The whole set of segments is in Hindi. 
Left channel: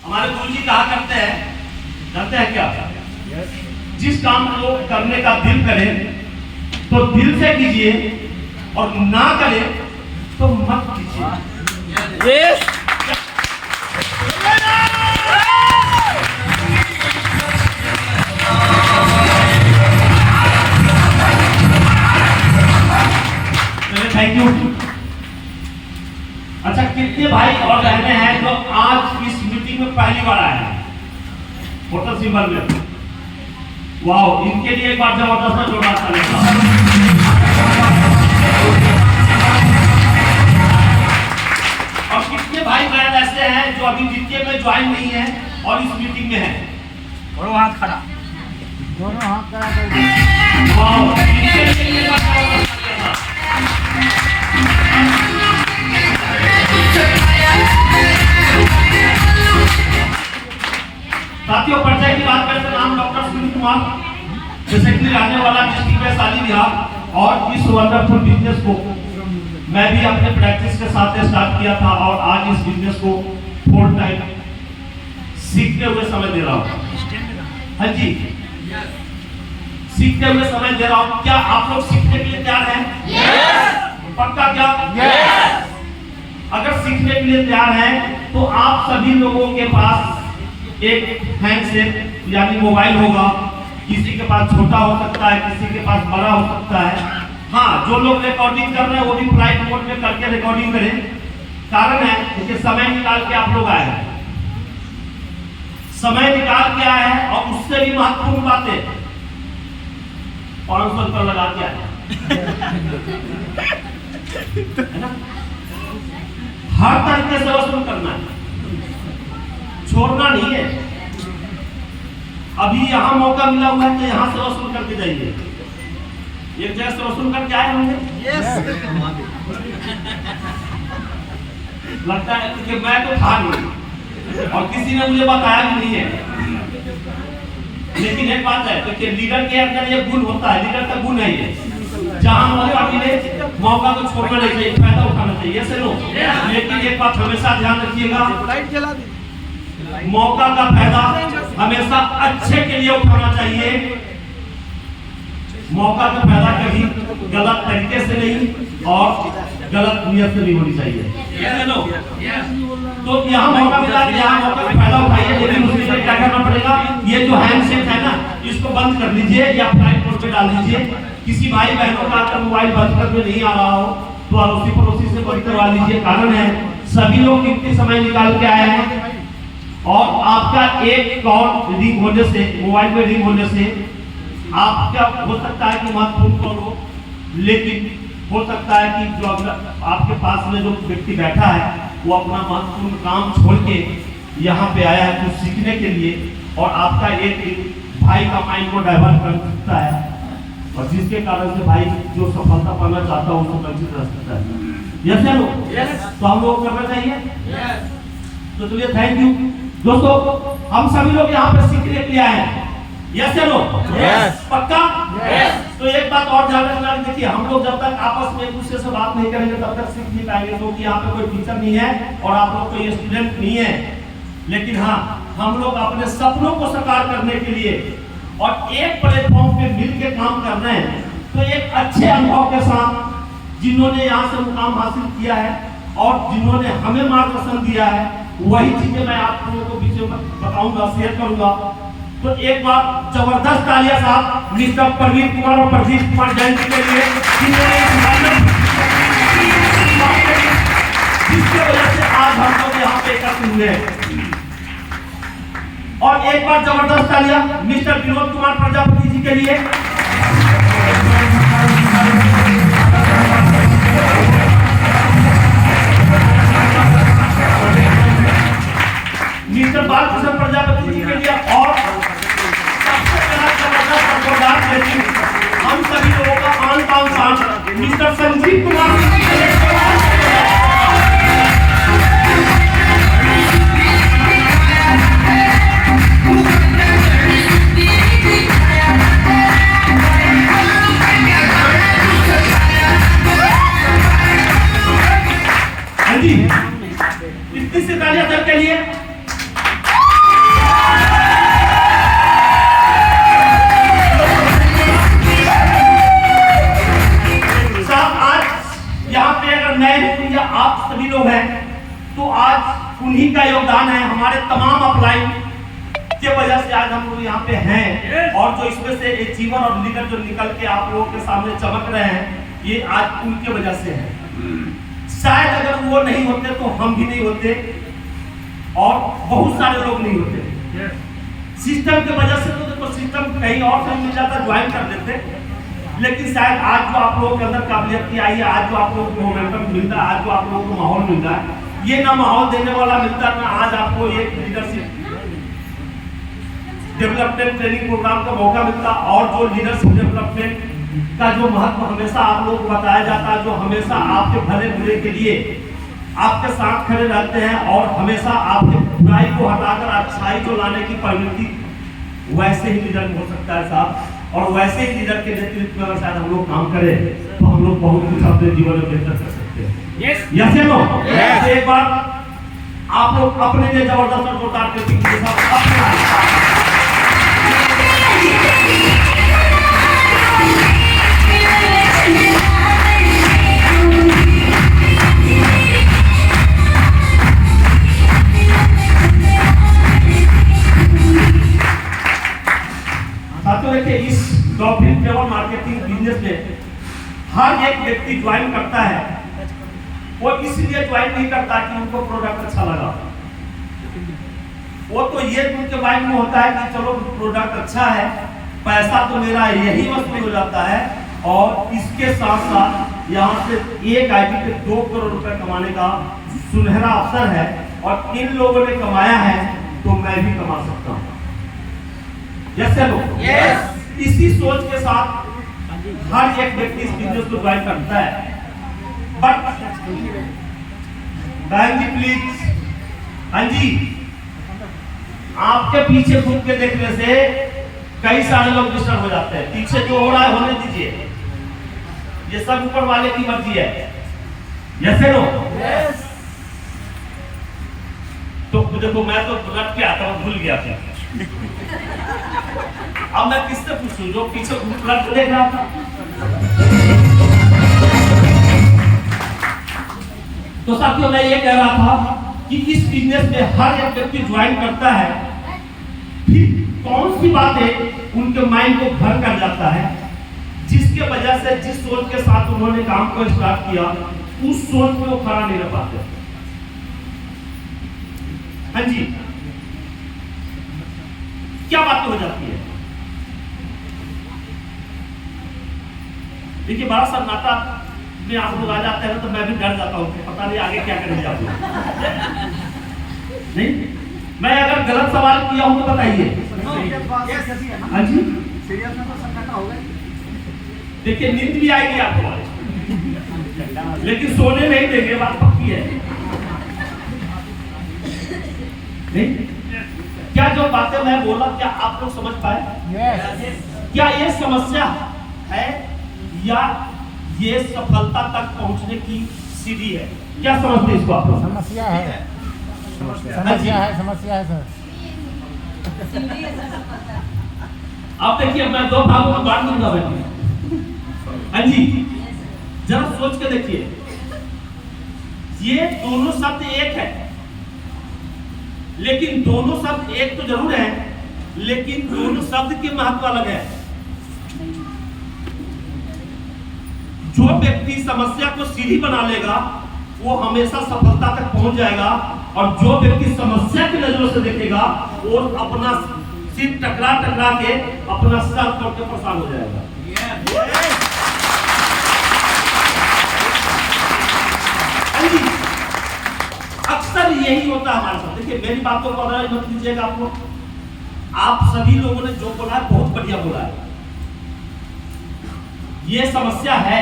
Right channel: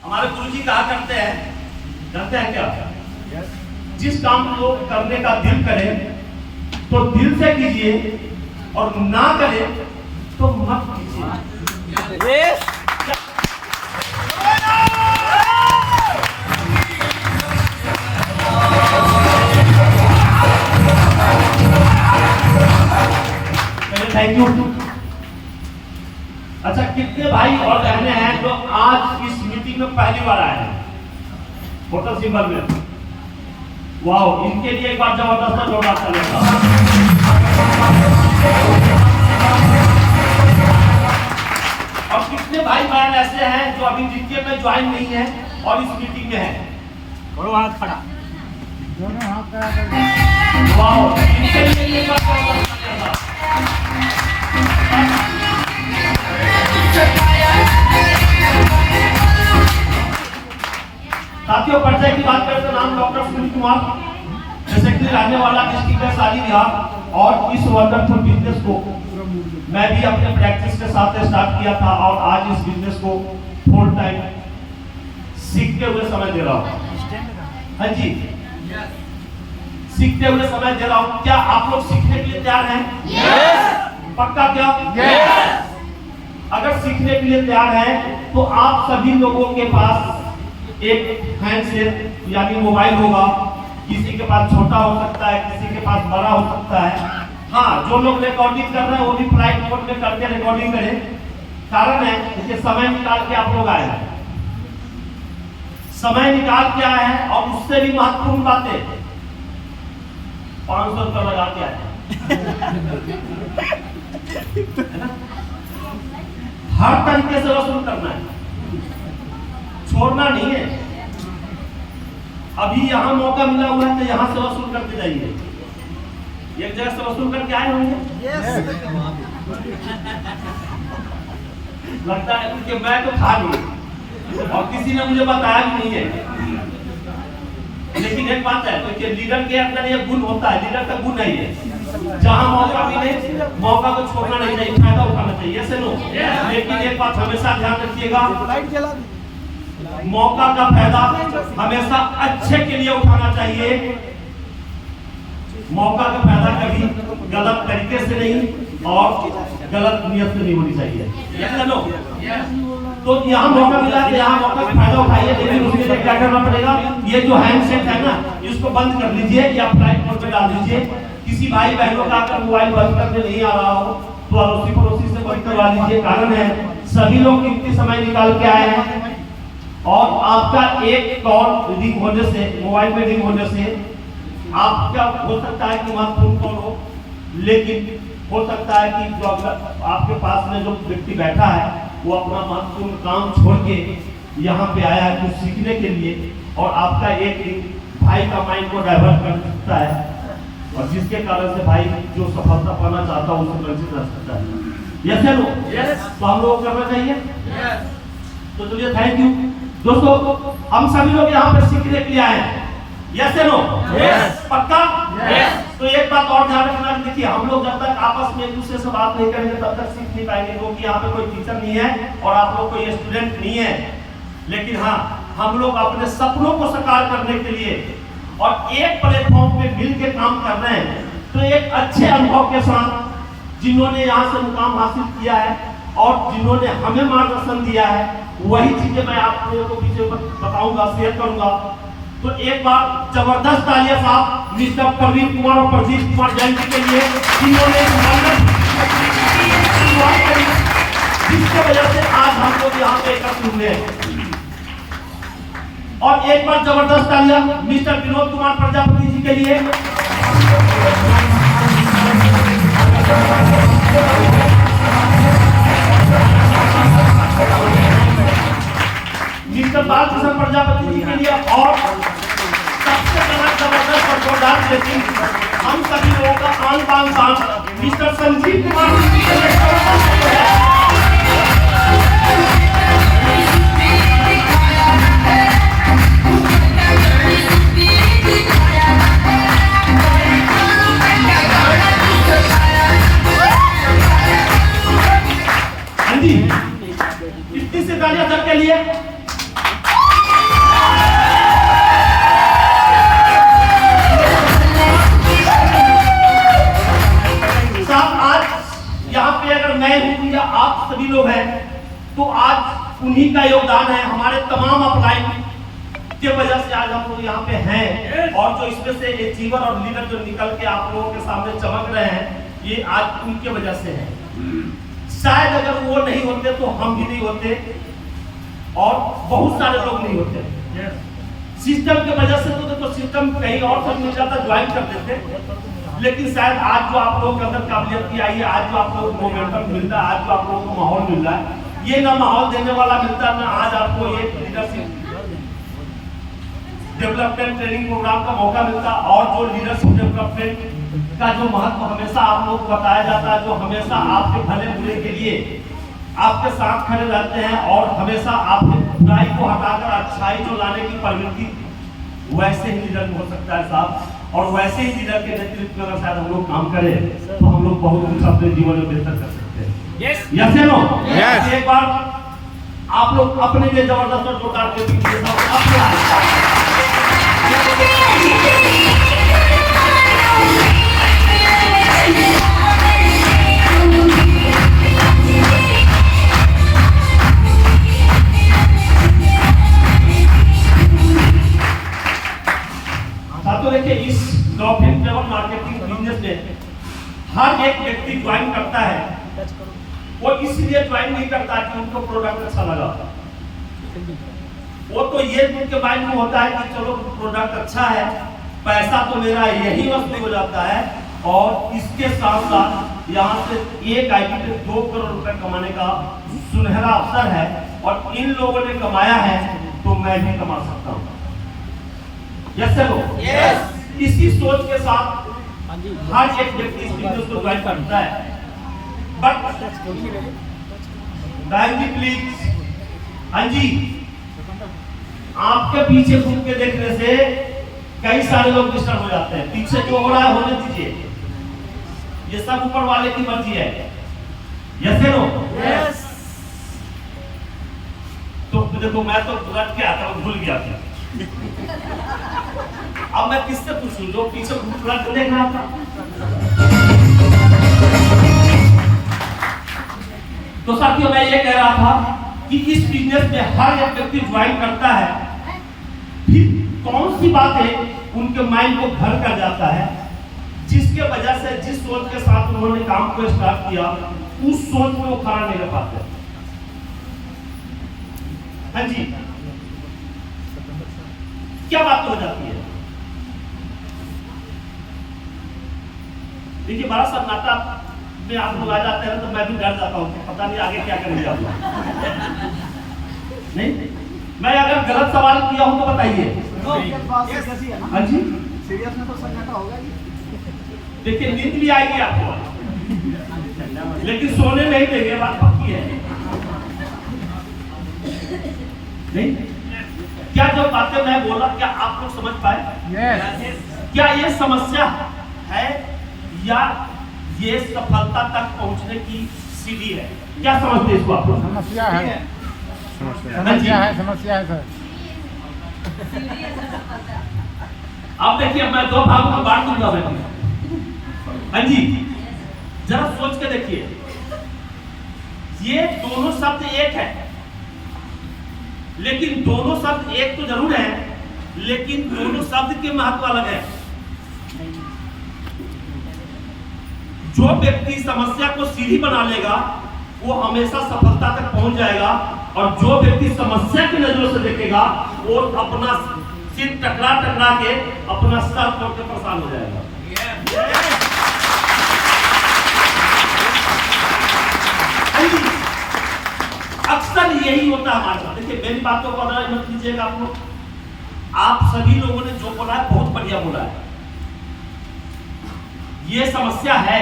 हमारे गुरु जी कहा करते हैं, जानते हैं क्या? जिस काम को करने का दिल करे तो दिल से कीजिए और ना करे तो मत कीजिए। Thank you. अच्छा, कितने भाई और बहनें हैं जो आज इस मीटिंग में पहली बार आए हैं होटल सिंबल में? वाह, इनके लिए एक बार जबरदस्त जोरदार चलेगा। और कितने भाई बहन ऐसे हैं जो अभी द्वितीय में ज्वाइन नहीं है और इस मीटिंग में है? दोनों हाथ खड़ा, दोनों हाथ खड़ा कर दीजिए। वाह, इनके लिए एक बार जबरदस्त चलेगा। साथियों, परिचय की बात करें तो नाम डॉक्टर सुनील कुमार, बेसिकली रहने वाला डिस्ट्रिक्ट में शादी ब्याह और इस वंडरफुल बिजनेस को मैं भी अपने प्रैक्टिस के साथ स्टार्ट किया था और आज इस बिजनेस को फुल टाइम सीखते हुए समय दे रहा हूँ। हाँ जी, सीखते हुए समय दे रहा हूँ। क्या आप लोग सीखने के लिए तैयार हैं? पक्का क्या? अगर सीखने के लिए तैयार हैं तो आप सभी लोगों के पास एक हैंडसेट यानी मोबाइल होगा। किसी के पास छोटा हो सकता है, किसी के पास बड़ा हो सकता है। हाँ, जो लोग रिकॉर्डिंग कर रहे हैं वो भी फ्लाइट मोड में करके रिकॉर्डिंग करें। कारण है कि समय निकाल के आप लोग आए हैं, समय निकाल के आए हैं और उससे भी महत्वपूर्ण बातें 500 रुपये लगा के आए है ना। हर तरीके से वसूल करना है, छोड़ना नहीं है। अभी यहाँ मौका मिला हुआ है तो यहाँ से वसूल करके जाइए। एक जगह से वसूल करके आए होंगे। लगता है कि मैं तो था नहीं और किसी ने मुझे बताया भी नहीं है। लेकिन एक बात है तो लीडर के अंदर ये गुण होता है, लीडर का गुण है ये, जहाँ मौका मिले मौका को छोड़ना नहीं चाहिए, फायदा उठाना चाहिए, ऐसे लो। लेकिन एक बात हमेशा ध्यान रखिएगा, मौका का फायदा हमेशा अच्छे के लिए उठाना चाहिए। मौका का फायदा कभी गलत तरीके से नहीं और गलत नियत से नहीं होनी चाहिए, ऐसे लो। तो यहाँ मौका मिला कि यहाँ मौका का फायदा उठाइए। लेकिन उसके लिए क्या करना पड़ेगा? ये जो हैंडसेट है ना, इसको बंद कर लीजिए या फ्लाइट मोड पे डाल दीजिए। किसी भाई बहनों का अगर मोबाइल बंद करने नहीं आ रहा हो तो अड़ोसी पड़ोसी से बंद करवा लीजिए। कारण है सभी लोग कितने समय निकाल के आए हैं और आपका एक कॉल रिंग होने से, मोबाइल पे रिंग होने से आपका हो सकता है कि महत्वपूर्ण कॉल हो, लेकिन हो सकता है कि जो आपके पास में जो व्यक्ति बैठा है वो अपना महत्वपूर्ण काम छोड़ के यहाँ पे आया है कुछ सीखने के लिए और आपका एक भाई का माइंड को डाइवर्ट कर सकता है और जिसके कारण से भाई जो सफलता पाना चाहता है उससे वंचित रह सकता है। Yes no? तो हम लोग करना चाहिए। तो चलिए, थैंक यू दोस्तों। हम सभी लोग यहाँ पे सीखने के लिए आए हैं। Yes no? पक्का? तो एक बात और ध्यान रखना, देखिए हम लोग जब तक आपस में एक दूसरे से बात नहीं करेंगे तब तक सीख नहीं पाएंगे, क्योंकि यहाँ पे कोई टीचर नहीं है और आप लोग कोई स्टूडेंट नहीं है। लेकिन हाँ, हम लोग अपने सपनों को साकार करने के लिए और एक प्लेटफॉर्म पे मिल के काम कर रहे हैं। तो एक अच्छे अनुभव के साथ जिन्होंने यहाँ से मुकाम हासिल किया है और जिन्होंने हमें मार्गदर्शन दिया है, वही चीजें मैं आप लोगों को पीछे बताऊंगा, शेयर करूंगा। तो एक बार जबरदस्त तालियां साहब मिस्टर प्रवीण कुमार और प्रदीप कुमार जैन जी के लिए, जिसकी वजह से आज हम लोग यहाँ पे एकत्र हुए हैं। और एक बार जबरदस्त तालियां मिस्टर विनोद कुमार प्रजापति जी के लिए, मिस्टर बालकृष्ण प्रजापति जी के लिए और सबसे जबरदस्त और जोरदार लेकिन हम सभी लोगों का आन बान शान मिस्टर संजीव कुमार जी के लिए। इतनी सी तालियां सबके लिए। उन्हीं का योगदान है, हमारे तमाम अपलाइन के वजह से आज हम लोग यहाँ पे हैं। और जो इसमें से अचीवर और लीडर जो निकल के आप लोगों के सामने चमक रहे हैं, ये आज उनके वजह से है। शायद अगर वो नहीं होते तो हम भी नहीं होते और बहुत सारे लोग नहीं होते। सिस्टम के वजह से तो देखो, सिस्टम कहीं और से मिल जाता, ज्वाइन कर लेते, लेकिन शायद आज जो आप लोगों के अंदर काबिलियत आई है, आज जो आप लोगों को मोमेंटम मिलता है, आज जो आप लोगों को माहौल मिल रहा है, ये ना माहौल देने वाला मिलता है, ना आज आपको एक लीडरशिप डेवलपमेंट ट्रेनिंग प्रोग्राम का मौका मिलता। और जो लीडरशिप डेवलपमेंट का जो महत्व हमेशा आप लोगों को बताया जाता है, जो हमेशा आपके भले बुरे के लिए आपके साथ खड़े रहते हैं और हमेशा आपके बुराई को हटाकर अच्छाई जो लाने की प्रवृत्ति, वैसे ही लीडर हो सकता है साहब। और वैसे ही लीडर के नेतृत्व में अगर शायद हम लोग काम करें तो हम लोग बहुत कुछ अपने जीवन में बेहतर कर सकते हैं। यस या नो? एक बार आप लोग अपने लिए जबरदस्त जोरदार के साथ अपने साथियों, देखिए इस डॉल्फिन ट्रैवल मार्केटिंग बिजनेस में हर एक व्यक्ति ज्वाइन करता है, वो इसलिए ज्वाइन नहीं करता कि उनको प्रोडक्ट अच्छा लगा, वो तो ये उनके माइंड में होता है कि चलो प्रोडक्ट अच्छा है, पैसा तो मेरा यही वसूल हो जाता है और इसके साथ साथ यहाँ से एक आईडी पे 2 करोड़ रुपए कमाने का सुनहरा अवसर है और इन लोगों ने कमाया है तो मैं भी कमा सकता हूँ। Yes sir? यस। इसी सोच के साथ हर एक व्यक्ति इस बिजनेस को ज्वाइन करता है। बट बहन जी प्लीज, हाँ जी, आपके पीछे घूम के देखने से कई सारे लोग डिस्टर्ब हो जाते हैं। पीछे जो हो रहा है होने दीजिए, ये सब ऊपर वाले की मर्जी है। Yes no? यस। तो देखो, मैं तो रट के आता हूँ, भूल गया था। अब मैं किससे पूछूं जो पीछे रट के देख रहा था? तो साथियों, मैं ये कह रहा था कि इस बिजनेस में हर एक व्यक्ति ज्वाइन करता है, फिर कौन सी बातें उनके माइंड को घर कर जाता है, जिसके वजह से जिस सोच के साथ उन्होंने काम को स्टार्ट किया, उस सोच में वो खड़ा नहीं रह पाते। हाँ जी, क्या बात हो जाती है? देखिए, बड़ा सन्नाटा में आप लोग आ जाते हैं तो मैं भी डर जाता हूँ, पता नहीं आगे क्या करेंगे आप लोग। नहीं, मैं अगर गलत सवाल किया हूं तो बताइए। हाँ जी, सीरियस में तो सन्नाटा होगा। देखिए, नींद भी आएगी आपको, लेकिन सोने नहीं देंगे, बात पक्की है। नहीं, क्या जो बातें मैं बोला क्या आप लोग समझ पाए? क्या ये समस्या है या ये सफलता तक पहुंचने की सीढ़ी है? क्या समझते हैं इसको आप लोग? समस्या है, समस्या है सर। अब देखिए, मैं 2 भागों में बांट दूंगा बेटी। हाँ जी, जरा सोच के देखिए, ये दोनों शब्द एक है, लेकिन दोनों शब्द एक तो जरूर है, लेकिन दोनों शब्द के महत्व अलग है। जो व्यक्ति समस्या को सीढ़ी बना लेगा वो हमेशा सफलता तक पहुंच जाएगा, और जो व्यक्ति समस्या की नजरों से देखेगा वो अपना सिर टकरा के अपना सर तोड़ के परेशान हो जाएगा। अक्सर यही होता है हमारे साथ। देखिए, मेरी बातों को अगर मत लीजिएगा आप लोग, आप सभी लोगों ने जो बोला है बहुत बढ़िया बोला है। ये समस्या है,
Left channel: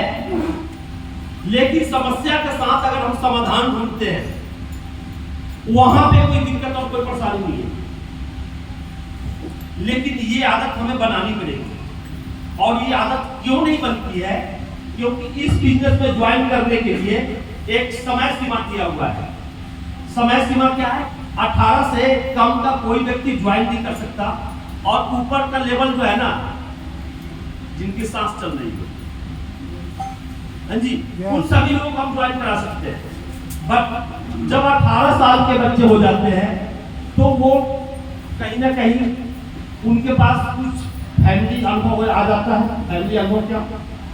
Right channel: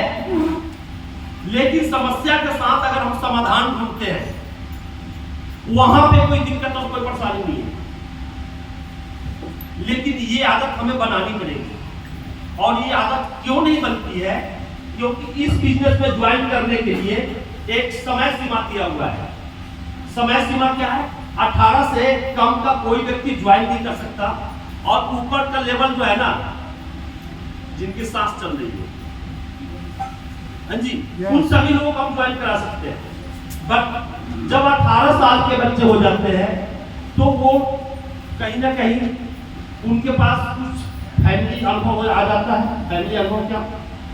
लेकिन समस्या के साथ अगर हम समाधान ढूंढते हैं, वहां पे कोई दिक्कत और कोई परेशानी नहीं है। लेकिन ये आदत हमें बनानी पड़ेगी। और ये आदत क्यों नहीं बनती है? क्योंकि इस बिजनेस में ज्वाइन करने के लिए एक समय सीमा दिया हुआ है। समय सीमा क्या है? 18 से कम का कोई व्यक्ति ज्वाइन नहीं कर सकता, और ऊपर का लेवल जो है ना, जिनकी सांस चल रही है, हाँ जी, उन सभी लोगों को हम ज्वाइन करा सकते हैं। बट जब 18 साल के बच्चे हो जाते हैं तो वो कहीं ना कहीं उनके पास कुछ फैमिली अनुभव आ जाता है। फैमिली अनुभव क्या,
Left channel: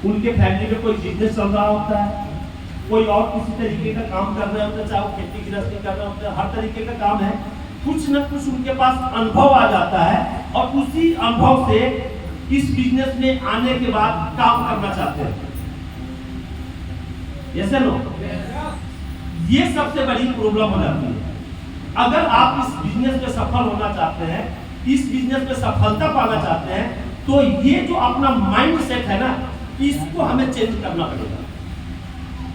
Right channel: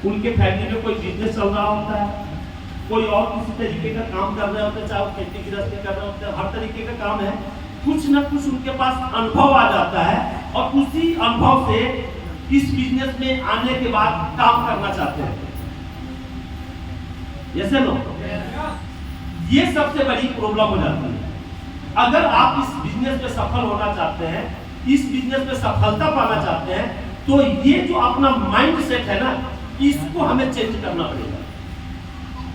उनके फैमिली में कोई बिजनेस चल रहा होता है, कोई और किसी तरीके का काम कर रहे होते हैं, चाहे वो खेती गृहस्थी कर रहे होते हैं, हर तरीके का काम है, कुछ न कुछ उनके पास अनुभव आ जाता है और उसी अनुभव से इस बिजनेस में आने के बाद काम करना चाहते हैं। ऐसे नो, ये सबसे बड़ी प्रॉब्लम हो जाती है। अगर आप इस बिजनेस में सफल होना चाहते हैं, इस बिजनेस में सफलता पाना चाहते हैं, तो ये जो अपना माइंड सेट है ना, इसको हमें चेंज करना पड़ेगा।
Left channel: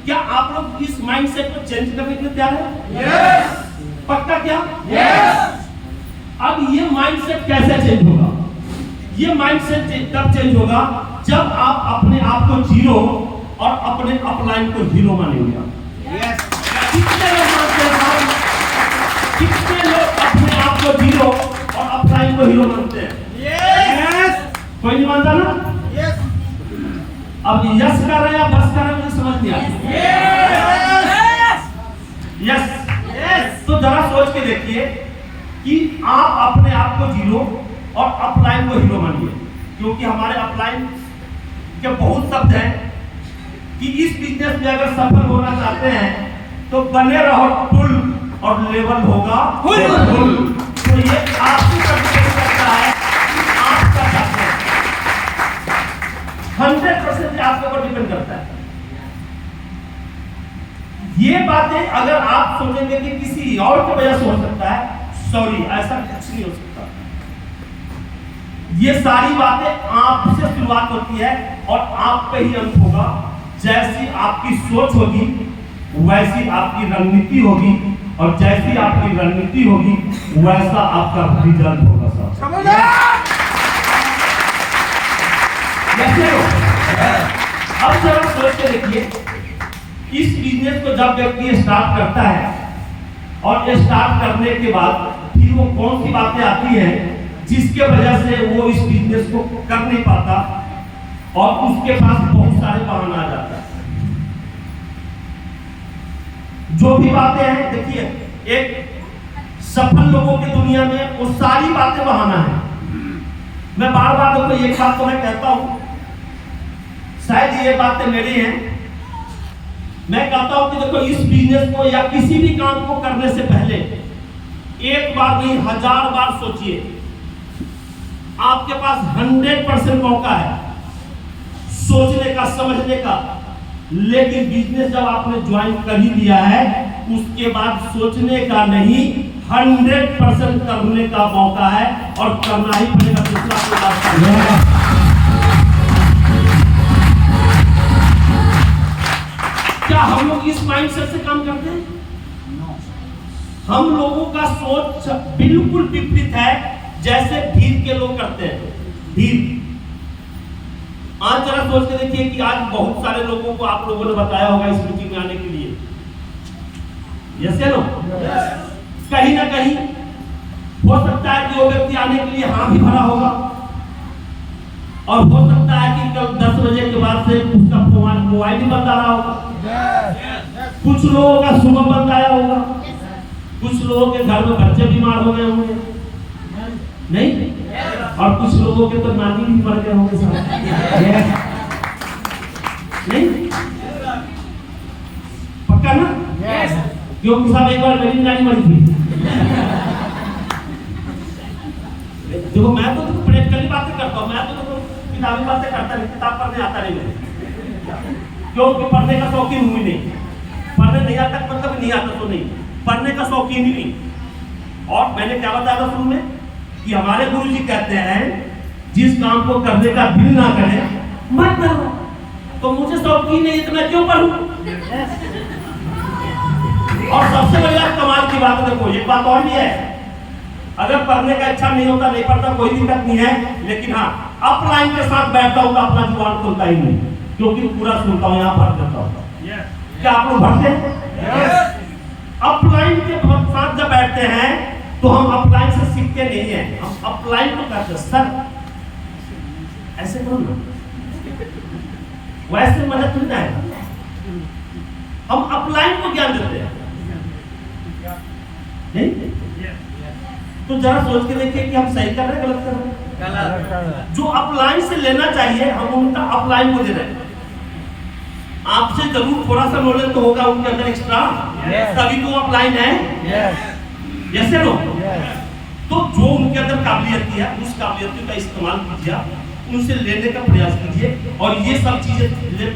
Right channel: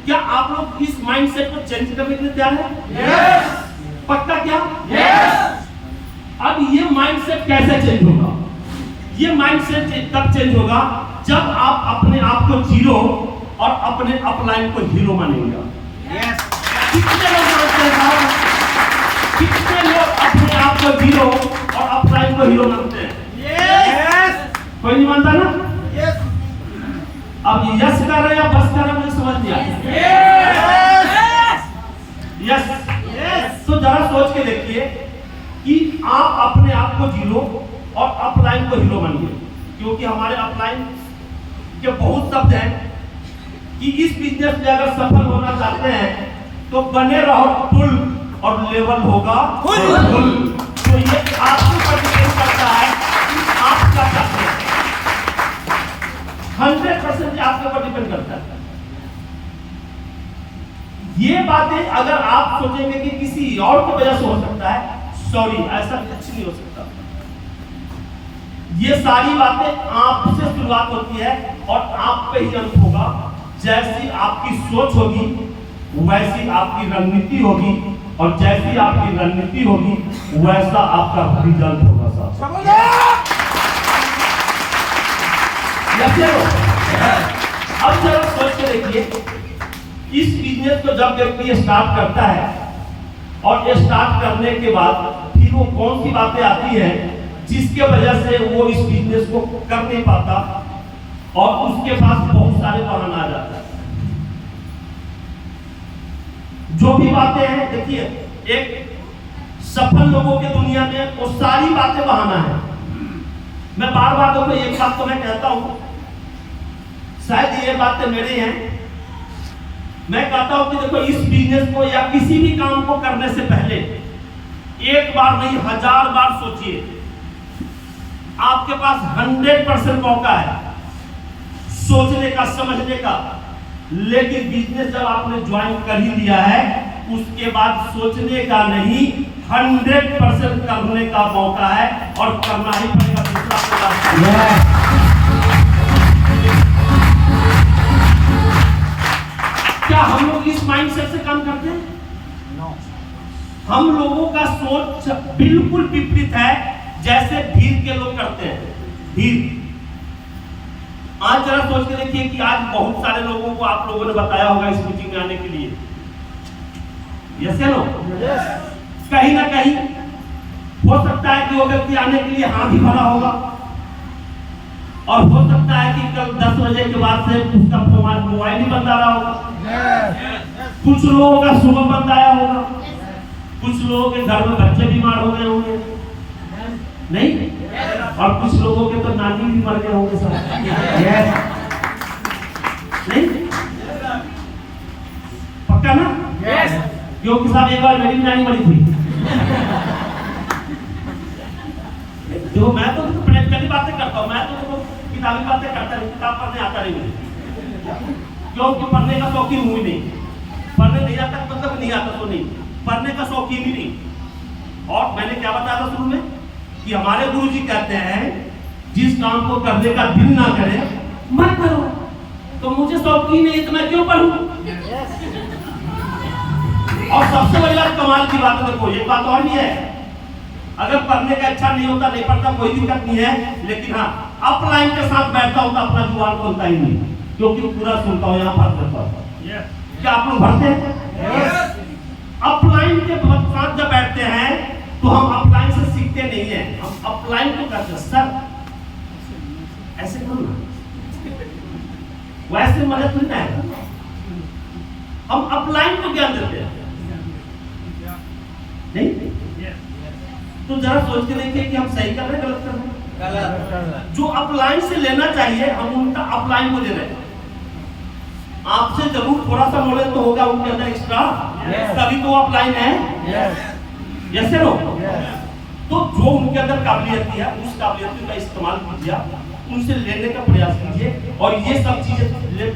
क्या आप लोग इस माइंड सेट को चेंज करने के लिए तैयार हैं? यस। पक्का क्या? यस। अब ये माइंड सेट कैसे चेंज होगा? ये माइंड सेट तब चेंज होगा जब आप अपने आप को जीरो और अपने अपलाइन को हीरो मानेंगे। यस। कितने लोग मानते हैं? कितने लोग अपने आप को जीरो और अपलाइन को हीरो मानते हैं? यस। कोई नहीं मानता ना? यस। अब यस कर रहे हैं या बस कर रहे हैं, मुझे समझ नहीं आता। यस। तो जरा सोच के देखिए कि आप अपने आप को जीरो और अपलाइन को हीरो मानिए, क्योंकि हमारे अपलाइन के बहुत शब्द हैं कि इस बिजनेस में अगर सफल होना चाहते हैं तो बने रहो फुल और लेवल होगा फुल। तो ये आपके पर डिपेंड करता है कि आप क्या चाहते हैं। 100% आपके ऊपर डिपेंड करता है। ये बातें अगर आप सोचेंगे कि किसी और की वजह से हो सकता है, सॉरी, ऐसा कुछ नहीं हो सकता। ये सारी बातें आपसे शुरुआत होती है और आप पे ही अंत होगा। जैसी आपकी सोच होगी वैसी आपकी रणनीति होगी, और जैसी आपकी रणनीति होगी वैसा आपका रिजल्ट होगा। साहब अब जरा सोच के देखिए, इस बिजनेस को जब व्यक्ति स्टार्ट करता है और स्टार्ट करने के बाद फिर वो कौन सी बातें आती हैं जिसके वजह से वो इस बिजनेस को कर नहीं पाता और उसके पास बहुत सारे बहाना आ जाता है। जो भी बातें हैं, देखिए, एक सफल लोगों की दुनिया में वो सारी बातें बहाना है। मैं बार बार देखो एक बात तो मैं कहता हूं, शायद ये बातें मेरी हैं, मैं कहता हूं कि देखो इस बिजनेस को या किसी भी काम को करने से पहले एक बार नहीं 1000 बार सोचिए। आपके पास 100% मौका है सोचने का, समझने का, लेकिन बिजनेस जब आपने ज्वाइन कर ही लिया है उसके बाद सोचने का नहीं, 100% करने का मौका है और करना ही पड़ेगा। दूसरा कोई रास्ता नहीं। क्या हम लोग इस माइंडसेट से काम करते हैं? हम लोगों का सोच बिल्कुल विपरीत है जैसे भीड़ के लोग करते हैं। भीड़, आज जरा सोच के देखिए कि आज बहुत सारे लोगों को आप लोगों ने बताया होगा इस मीटिंग में आने के लिए। यस या नो? कहीं ना कहीं हो सकता है कि वो व्यक्ति आने के लिए हाँ भी भरा होगा, और हो सकता है कि कल 10 बजे के बाद से उसका मोबाइल ही बंद आ रहा होगा। कुछ लोगों का सुबह बंद आया होगा, कुछ लोगों के घर में बच्चे बीमार हो गए होंगे, नहीं, और कुछ लोगों के तो नानी भी मर गए होंगे साहब। नहीं, पक्का ना? क्योंकि साहब एक बार मेरी नानी मरी थी। देखो मैं तो प्रैक्टिकली बातें करता हूँ, मैं तो किताबी बातें करता नहीं, किताब पढ़ने आता नहीं मुझे, क्योंकि पढ़ने का शौकीन हुई नहीं। पढ़ने नहीं आता मतलब नहीं आता तो नहीं, पढ़ने का शौकीन ही नहीं। और मैंने क्या बताया था शुरू में कि हमारे गुरुजी कहते हैं जिस काम को करने का दिल ना करे मत करो। तो मुझे शौकीन नहीं तो मैं क्यों पढ़ूं? और सबसे बड़ी बात, कमाल की बात है, देखो एक बात और भी है, अगर पढ़ने का इच्छा नहीं होता, नहीं पढ़ता, कोई दिक्कत नहीं है, लेकिन हाँ अपलाइन के साथ बैठता हूँ तो अपना जुबान खुलता ही नहीं, क्योंकि पूरा सुनता हूँ, यहाँ भर देता हूँ। क्या आप लोग भरते हैं? अपलाइन के साथ जब बैठते हैं तो हम अपलाइन से सीखते नहीं हैं, हम अपलाइन को करते हैं। सर ऐसे करो ना, वैसे मदद नहीं आएगा। हम अपलाइन को ज्ञान देते हैं। नहीं? तो जरा सोच के देखिए कि हम सही कर रहे हैं, गलत कर रहे हैं। जो अपलाइन से लेना चाहिए हम उनका अपलाइन को दे रहे हैं। आपसे जरूर थोड़ा सा नॉलेज तो होगा उनके अंदर एक्स्ट्रा, तभी तो अपलाइन है। Yes no? तो जो उनके अंदर काबिलियत है उस काबिलियत का इस्तेमाल कीजिए, उनसे लेने का प्रयास कीजिए, और ये सब चीजें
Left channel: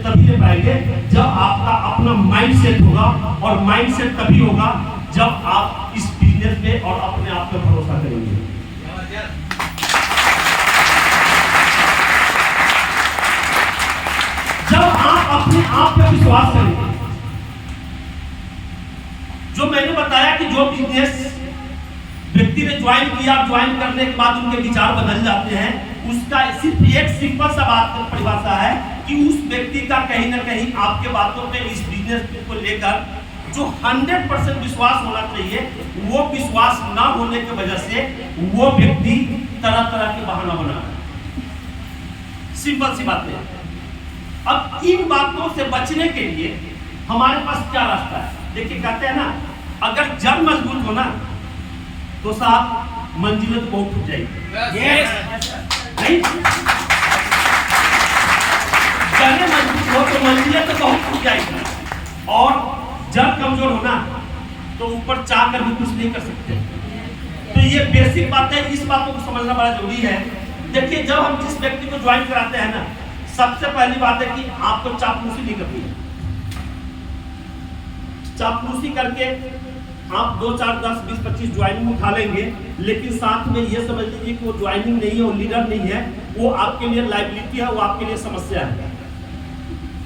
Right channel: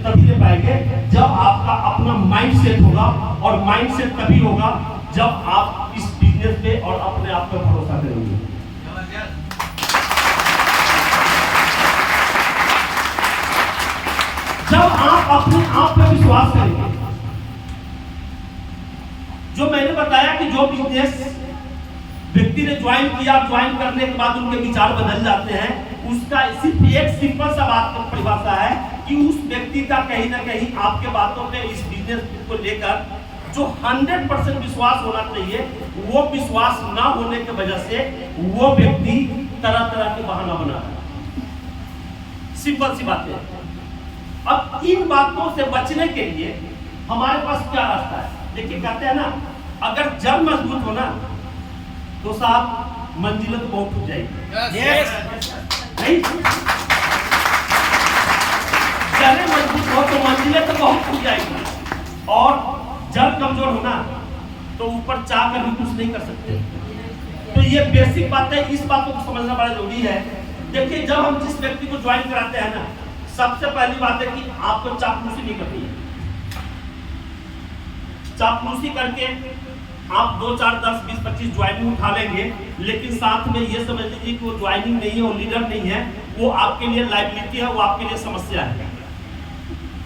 तभी ले पाएंगे जब आपका अपना माइंड सेट होगा, और माइंड सेट तभी होगा जब आप इस बिजनेस पे और अपने आप पे भरोसा करेंगे। जब आप अपने आप पे विश्वास करेंगे। जो मैंने बताया कि जो बिजनेस व्यक्ति ने ज्वाइन किया, ज्वाइन करने के बाद उनके विचार बदल जाते हैं, उसका सिर्फ एक सिंपल सा बात परिभाषा है कि उस व्यक्ति का कहीं ना कहीं आपके बातों पे, इस बिजनेस को लेकर जो 100% विश्वास होना चाहिए, वो विश्वास ना होने की वजह से वो व्यक्ति तरह तरह के बहाना बना रहा है। सिंपल सी बात है। अब इन बातों से बचने के लिए हमारे पास क्या रास्ता है? देखिए, कहते हैं ना, अगर जड़ मजबूत हो ना तो साहब मंजिलें तो बहुत टूट जाएगी। नहीं? जड़ें मजबूत हो तो मंजिलें तो बहुत टूट जाएगी, और जड़ कमजोर होना तो ऊपर चाह कर भी कुछ नहीं कर सकते। तो ये बेसिक बात है, इस बातों को समझना बड़ा जरूरी है। देखिए, जब हम जिस व्यक्ति को ज्वाइन कराते हैं ना, सबसे पहली बात है कि आपको चापलूसी नहीं करनी है। चापलूसी करके आप 2, 4, 10, 20, 25 ज्वाइनिंग उठा लेंगे, लेकिन साथ में ये समझ लीजिए कि वो ज्वाइनिंग नहीं है, वो लीडर नहीं है, वो आपके लिए लाइबिलिटी है, वो आपके लिए समस्या है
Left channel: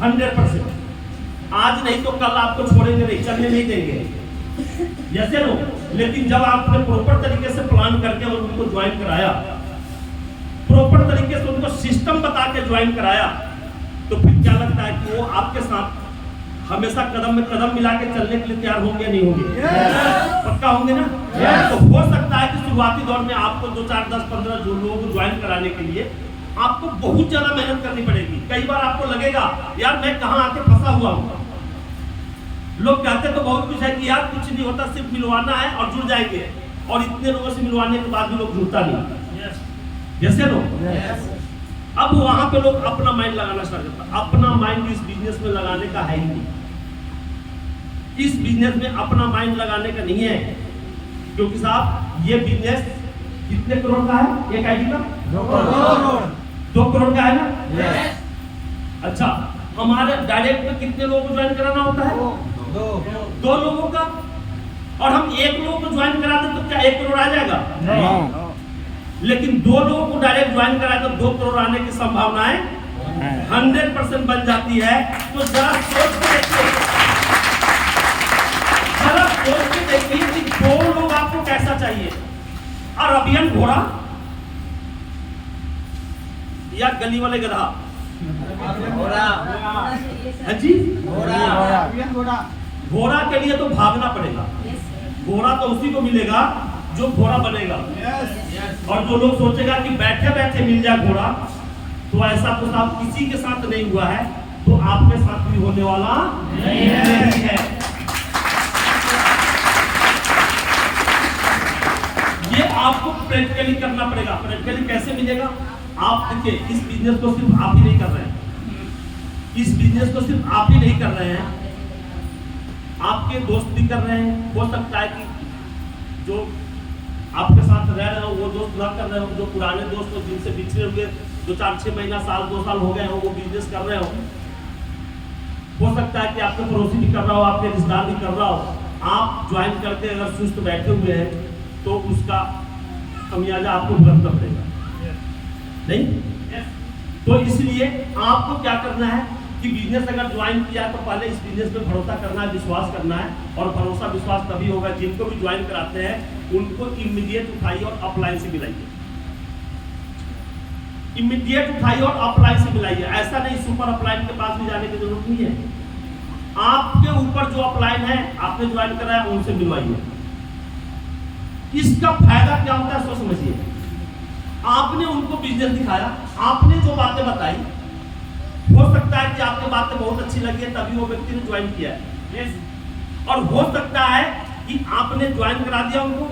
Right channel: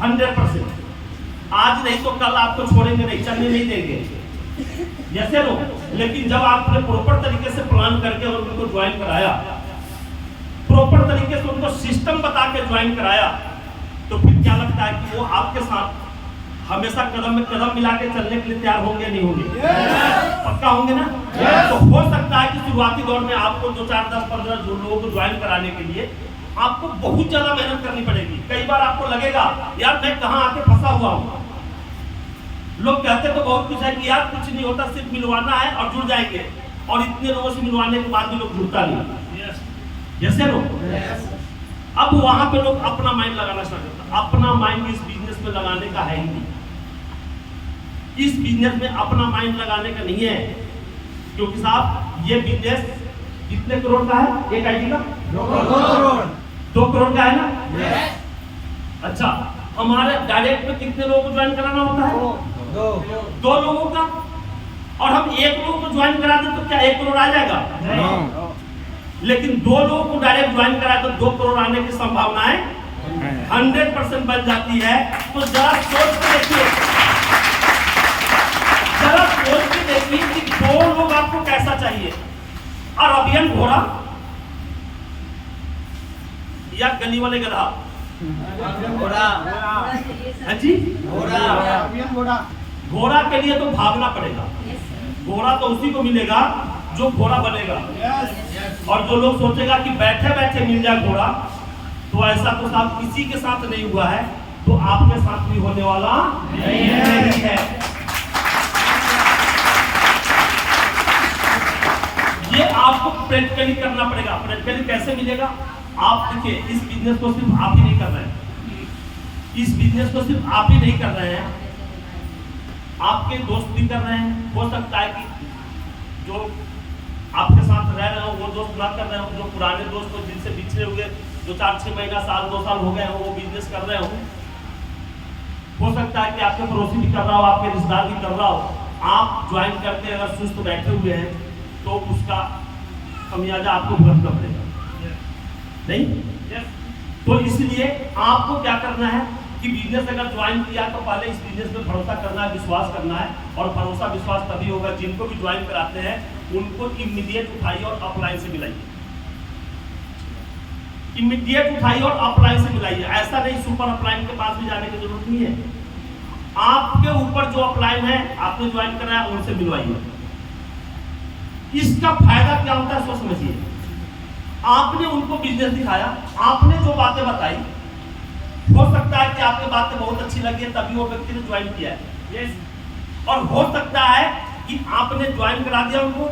100%। आज नहीं तो कल आपको छोड़ेंगे नहीं, चलने नहीं देंगे, जैसे लो। लेकिन जब आपने प्रॉपर तरीके से प्लान करके और उनको ज्वाइन कराया, प्रॉपर तरीके से उनको सिस्टम बता के ज्वाइन कराया, तो फिर क्या लगता है कि वो आपके साथ हमेशा कदम में कदम मिला के चलने के लिए तैयार होंगे, नहीं होंगे? पक्का होंगे ना? तो हो सकता है कि शुरुआती दौर में आपको 2, 4, 10, 15 जो लोगों को ज्वाइन कराने के लिए आपको बहुत ज्यादा मेहनत करनी पड़ेगी। कई बार आपको लगेगा यार मैं कहाँ आके फंसा हुआ हूँ। लोग कहते तो बहुत कुछ है कि यार कुछ नहीं होता, सिर्फ मिलवाना है और जुड़ जाएंगे, और इतने लोगों से मिलवाने के बाद भी लोग जुड़ता नहीं। जैसे लोग अब वहां पे लोग अपना माइंड लगाना स्टार्ट करता। अपना माइंड इस बिजनेस में लगाने का है ही नहीं। इस बिजनेस में अपना माइंड लगाने का नहीं है, क्योंकि साहब ये बिजनेस कितने करोड़ का है? एक आईडी का 2 करोड़ का है ना? अच्छा, हमारे डायरेक्ट में कितने लोगों को ज्वाइन कराना होता है? 2 लोगों का। और हम 1 लोगों को ज्वाइन कराते तो क्या 1 करोड़ आ जाएगा? लेकिन 2 लोगों को डायरेक्ट ज्वाइन कराए तो 2 करोड़ आने की संभावनाएं 100% बन जाती है। तो जरा सोच के देखिए, जरा सोच के देखिए कि 2 लोग आपको कैसा चाहिए? अरबियन घोड़ा या गली वाले गधा? हाँ जी, घोड़ा के लिए तो भागना पड़ेगा। घोड़ा तो उसी को मिलेगा जो घोड़ा बनेगा। और जो लोग सोचेगा कि बैठे बैठे मिल जाए घोड़ा, तो ऐसा तो साहब किसी के साथ नहीं हुआ है, तो आपके साथ भी होने वाला नहीं है। ये आपको प्रैक्टिकली करना पड़ेगा। प्रैक्टिकली कैसे मिलेगा? आप देखिए, इस बिजनेस को सिर्फ आप ही नहीं कर रहे हैं, इस बिजनेस को सिर्फ आप ही नहीं कर रहे हैं, आपके दोस्त भी कर रहे हैं। हो सकता है कि जो आपके साथ रह रहे हो वो दोस्त ना कर रहे हो, जो पुराने दोस्त हो जिनसे बिछड़े हुए 2, 4, 6 महीना, साल, 2 साल हो गए हो, वो बिजनेस कर रहे हो सकता है कि आपके पड़ोसी भी कर रहा हो, आपके रिश्तेदार भी कर रहा हो। आप ज्वाइन करके अगर सुस्त बैठे हुए हैं तो उसका खमियाजा आपको भुगतना पड़ेगा, नहीं? तो इसलिए आपको क्या करना है कि बिजनेस अगर ज्वाइन किया तो पहले इस बिजनेस पे भरोसा करना है, विश्वास करना है। और भरोसा विश्वास तभी होगा, जिनको भी ज्वाइन कराते हैं उनको इमीडिएट उठाइए और अपलाइन से मिलाइए। इमीडिएट उठाइए और अपलाइन से मिलाइए। ऐसा नहीं सुपर अपलाइन के पास भी जाने की जरूरत नहीं है। आपके ऊपर जो अपलाइन है, आपने ज्वाइन कराया, उनसे मिलवाइए। इसका फायदा क्या होता है सो समझिए। आपने उनको बिजनेस दिखाया, आपने जो बातें बताई, हो सकता है कि आपकी बातें बहुत अच्छी लगी है तभी वो व्यक्ति ने ज्वाइन किया है। और हो सकता है कि आपने ज्वाइन करा दिया उनको,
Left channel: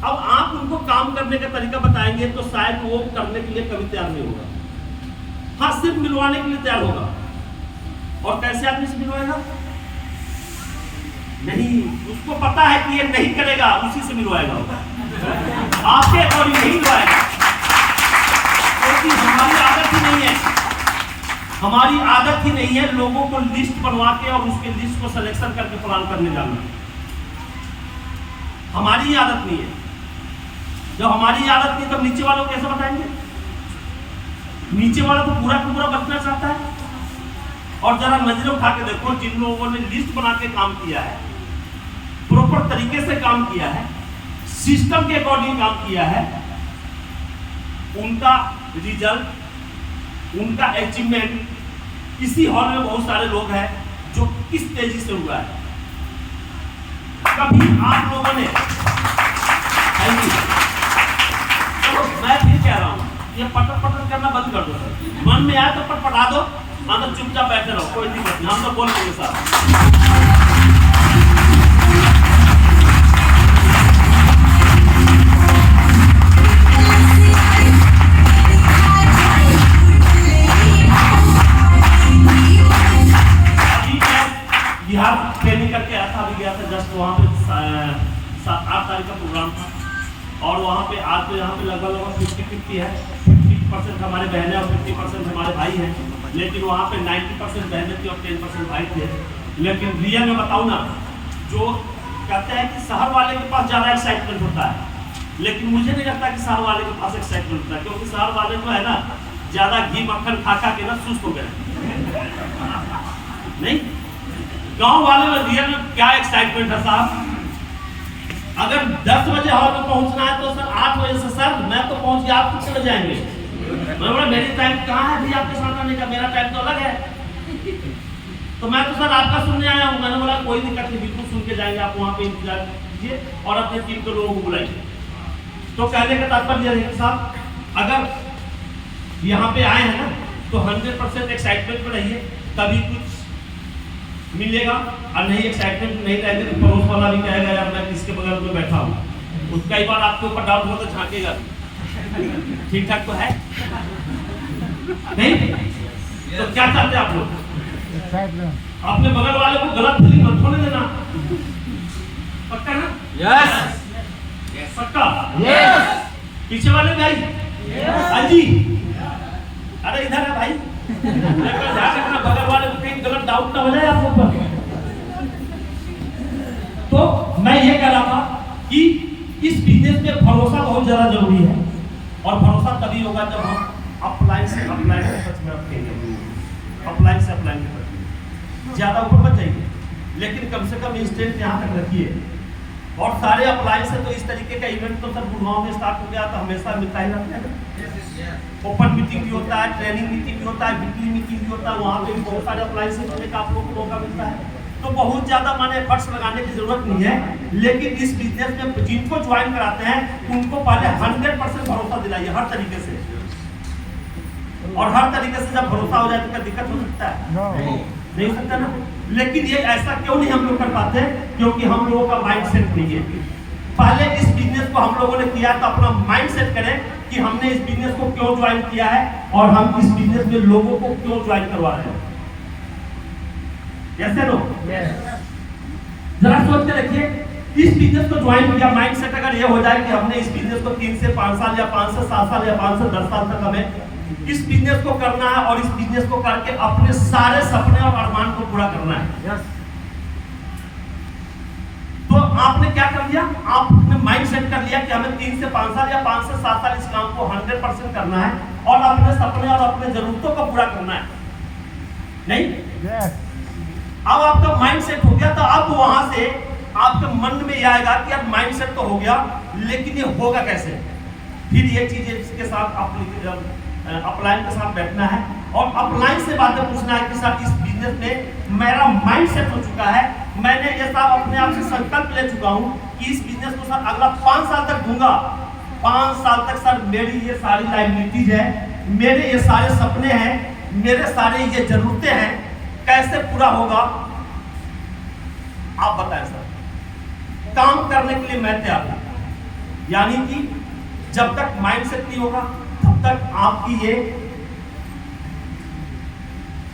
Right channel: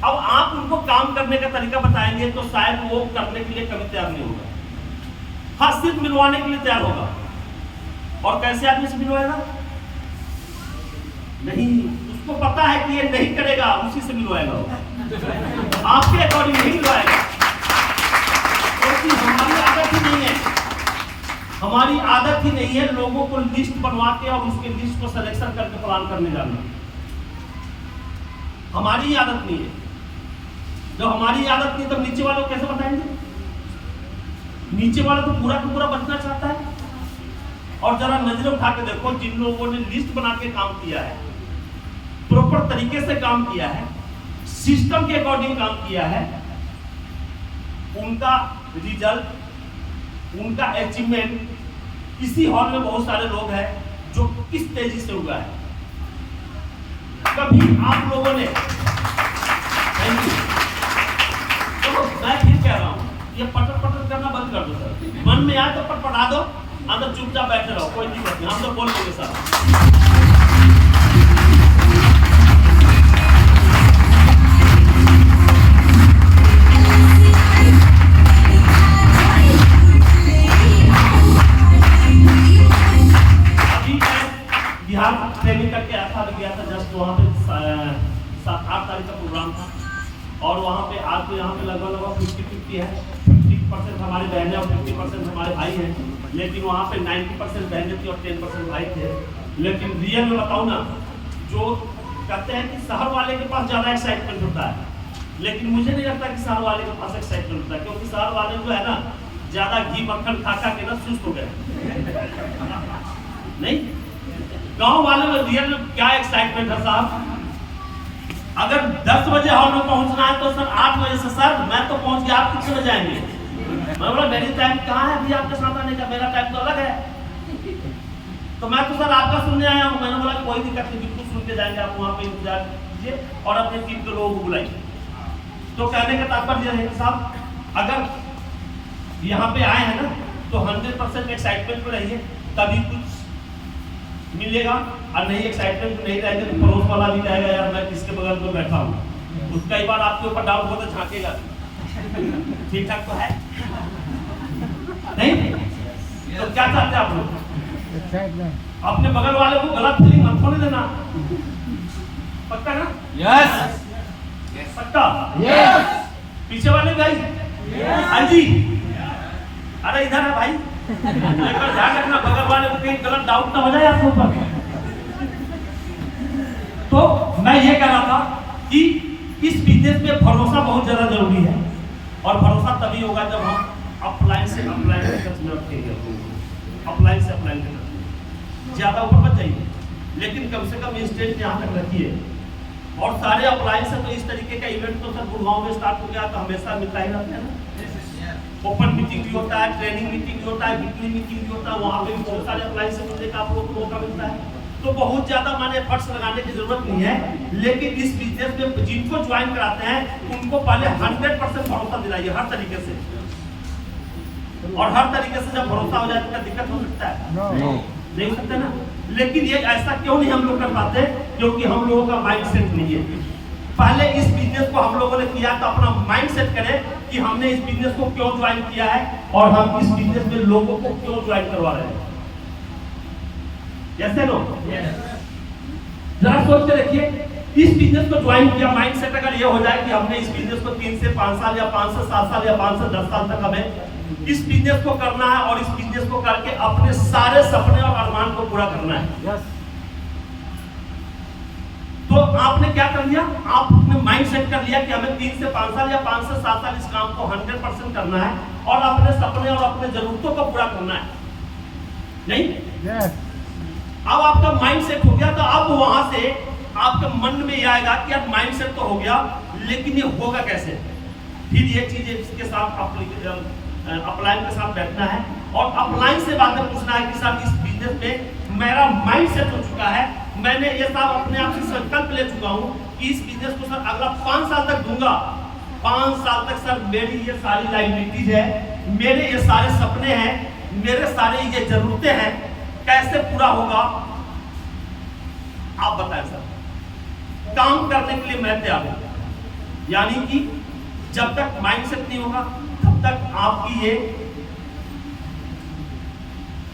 अब आप उनको काम करने का तरीका बताएंगे तो शायद वो करने के लिए कभी तैयार नहीं होगा। हाँ, सिर्फ मिलवाने के लिए तैयार होगा। और कैसे आदमी से मिलवाएगा? नहीं, उसको पता है कि ये नहीं करेगा, उसी से मिलवाएगा, आपके अकॉर्डिंग नहीं मिलवाएगा, क्योंकि हमारी आदत ही नहीं है, हमारी आदत ही नहीं है लोगों को लिस्ट बनवा के और उसके लिस्ट को सिलेक्शन करके प्लान करने जाना। हमारी ही आदत नहीं है। जब हमारी आदत नहीं तो नीचे वालों को कैसे बताएंगे? नीचे वाला तो पूरा का पूरा बचना चाहता है। और जरा नजरें उठा के देखो, जिन लोगों ने लिस्ट बना के काम किया है, प्रॉपर तरीके से काम किया है, सिस्टम के अकॉर्डिंग काम किया है, उनका रिजल्ट, उनका अचीवमेंट इसी हॉल में बहुत सारे लोग हैं जो किस तेजी से हुआ है। कभी आप लोगों ने, चलो मैं फिर कह रहा हूं, ये पटर पटर करना बंद कर दो सर। मन में आए तो पटपटा दो, अंदर चुपचाप बैठे रहो, कोई दिक्कत नहीं, हम तो बोल देंगे साहब। बिहार ट्रेनिंग करके आया था, अभी गया था जस्ट, वहाँ पे 7-8 तारीख का प्रोग्राम था। और वहाँ पे आज तो यहाँ पे लगभग 50-50 है, 50% हमारे बहनें और 50% हमारे भाई हैं। लेकिन वहाँ पे 90% बहनें थी और 10% भाई थे। लेकिन रियल में बताऊँ ना, जो कहते हैं कि शहर वाले के पास ज़्यादा एक्साइटमेंट होता है, लेकिन मुझे नहीं लगता कि शहर वाले के पास एक्साइटमेंट होता है, क्योंकि शहर वाले जो है ना, ज़्यादा घी मक्खन खा खा के ना सुस्त हो गए। नहीं, गांव वाले में रियल में क्या एक्साइटमेंट है साहब। अगर 10 बजे हॉल में पहुंचना है तो सर 8 बजे से सर मैं तो पहुंच गया, आप कितने जाएंगे? मैं बोला मेरी टाइम कहाँ है भी आपके साथ आने का, मेरा टाइम तो अलग है। तो मैं तो सर आपका सुनने आया हूँ। मैंने बोला कोई दिक्कत नहीं, बिल्कुल सुन के जाएंगे, आप वहाँ पे इंतजार कीजिए और अपने टीम के लोगों को बुलाइए। तो कहने का तात्पर्य है साहब, अगर यहाँ पे आए हैं ना तो 100% एक्साइटमेंट में रहिए, तभी कुछ मिलेगा। और नहीं एक्साइटमेंट नहीं रहेगी तो पड़ोस वाला भी कहेगा यार मैं किसके बगल में बैठा हूँ, उसका ही बार आपके ऊपर डाउट हो तो झांकेगा, ठीक ठाक तो है नहीं? तो क्या चाहते हैं आप लोग? अपने बगल वाले को गलत फीलिंग मत होने देना, पक्का ना? यस पक्का, यस। पीछे वाले भाई, हाँ जी, अरे इधर है भाई, ध्यान रखना बगल वाले को कहीं गलत डाउट ना हो जाए आप ऊपर। तो मैं ये कह रहा था कि इस बिजनेस में भरोसा बहुत ज्यादा जरूरी है, और भरोसा तभी होगा जब हम अपलाइन से अपलाइन के टच में रखेंगे, अपलाइन से अपलाइन के टच। ज्यादा ऊपर मत जाइए, लेकिन कम से कम इंस्टेंट यहाँ तक रखिए। और सारे अपलाइन से तो इस तरीके का इवेंट तो सर गुड़गांव में स्टार्ट हो गया तो हमेशा मिलता ही रहता है ना। ओपन मीटिंग भी होता है, ट्रेनिंग मीटिंग भी होता है, वीकली मीटिंग भी होता है, वहाँ पे भी बहुत सारे अप्लायंसेस होने का आप लोगों को मौका मिलता है। तो बहुत ज़्यादा माने एफर्ट्स लगाने की जरूरत नहीं है, लेकिन इस बिजनेस में जिनको ज्वाइन कराते हैं उनको पहले 100% भरोसा दिलाइए हर तरीके से। और हर तरीके से जब भरोसा हो जाए तो क्या दिक्कत हो सकता है? नहीं हो सकता ना। लेकिन ये ऐसा क्यों नहीं हम लोग कर पाते? क्योंकि हम लोगों का माइंड सेट नहीं है। पहले इस बिजनेस को हम लोगों ने किया तो अपना माइंड सेट करें कि हमने इस बिजनेस को क्यों ज्वाइन किया है और हम इस बिजनेस में लोगों को क्यों ज्वाइन करवा रहे हैं। Yes no? जरा सोच के देखिए, इस बिजनेस को ज्वाइन किया, माइंड सेट अगर ये हो जाए कि हमने इस बिजनेस को 3 से 5 साल या 5 से 7 साल या 5 से 10 साल तक हमें इस बिजनेस को करना है और इस बिजनेस को करके अपने सारे सपने और अरमान को पूरा करना है। तो आपने क्या कर लिया? आपने माइंड सेट कर लिया कि हमें 3 से 5 साल या 5 से 7 साल इस काम को 100% करना है और अपने सपने और अपने जरूरतों को पूरा करना है, नहीं? अब आपका माइंड सेट हो गया, तो अब वहां से आपके मन में ये आएगा कि यार माइंड सेट तो हो गया, लेकिन ये होगा कैसे? फिर ये चीजें इसके साथ अपलाइन के साथ बैठना है और अपलाइन से बातें पूछना है कि सर इस बिजनेस में मेरा माइंड सेट हो चुका है, मैंने ये सब अपने आप से संकल्प ले चुका हूं कि इस बिजनेस को सर अगला 5 साल तक दूंगा। 5 साल तक सर मेरी ये सारी लायबिलिटीज है, मेरे ये सारे सपने हैं, मेरे सारे ये जरूरतें हैं, कैसे पूरा होगा आप बताएं सर। काम करने के लिए मैं तैयार हूं। यानी कि जब तक माइंडसेट नहीं होगा तब तक आपकी ये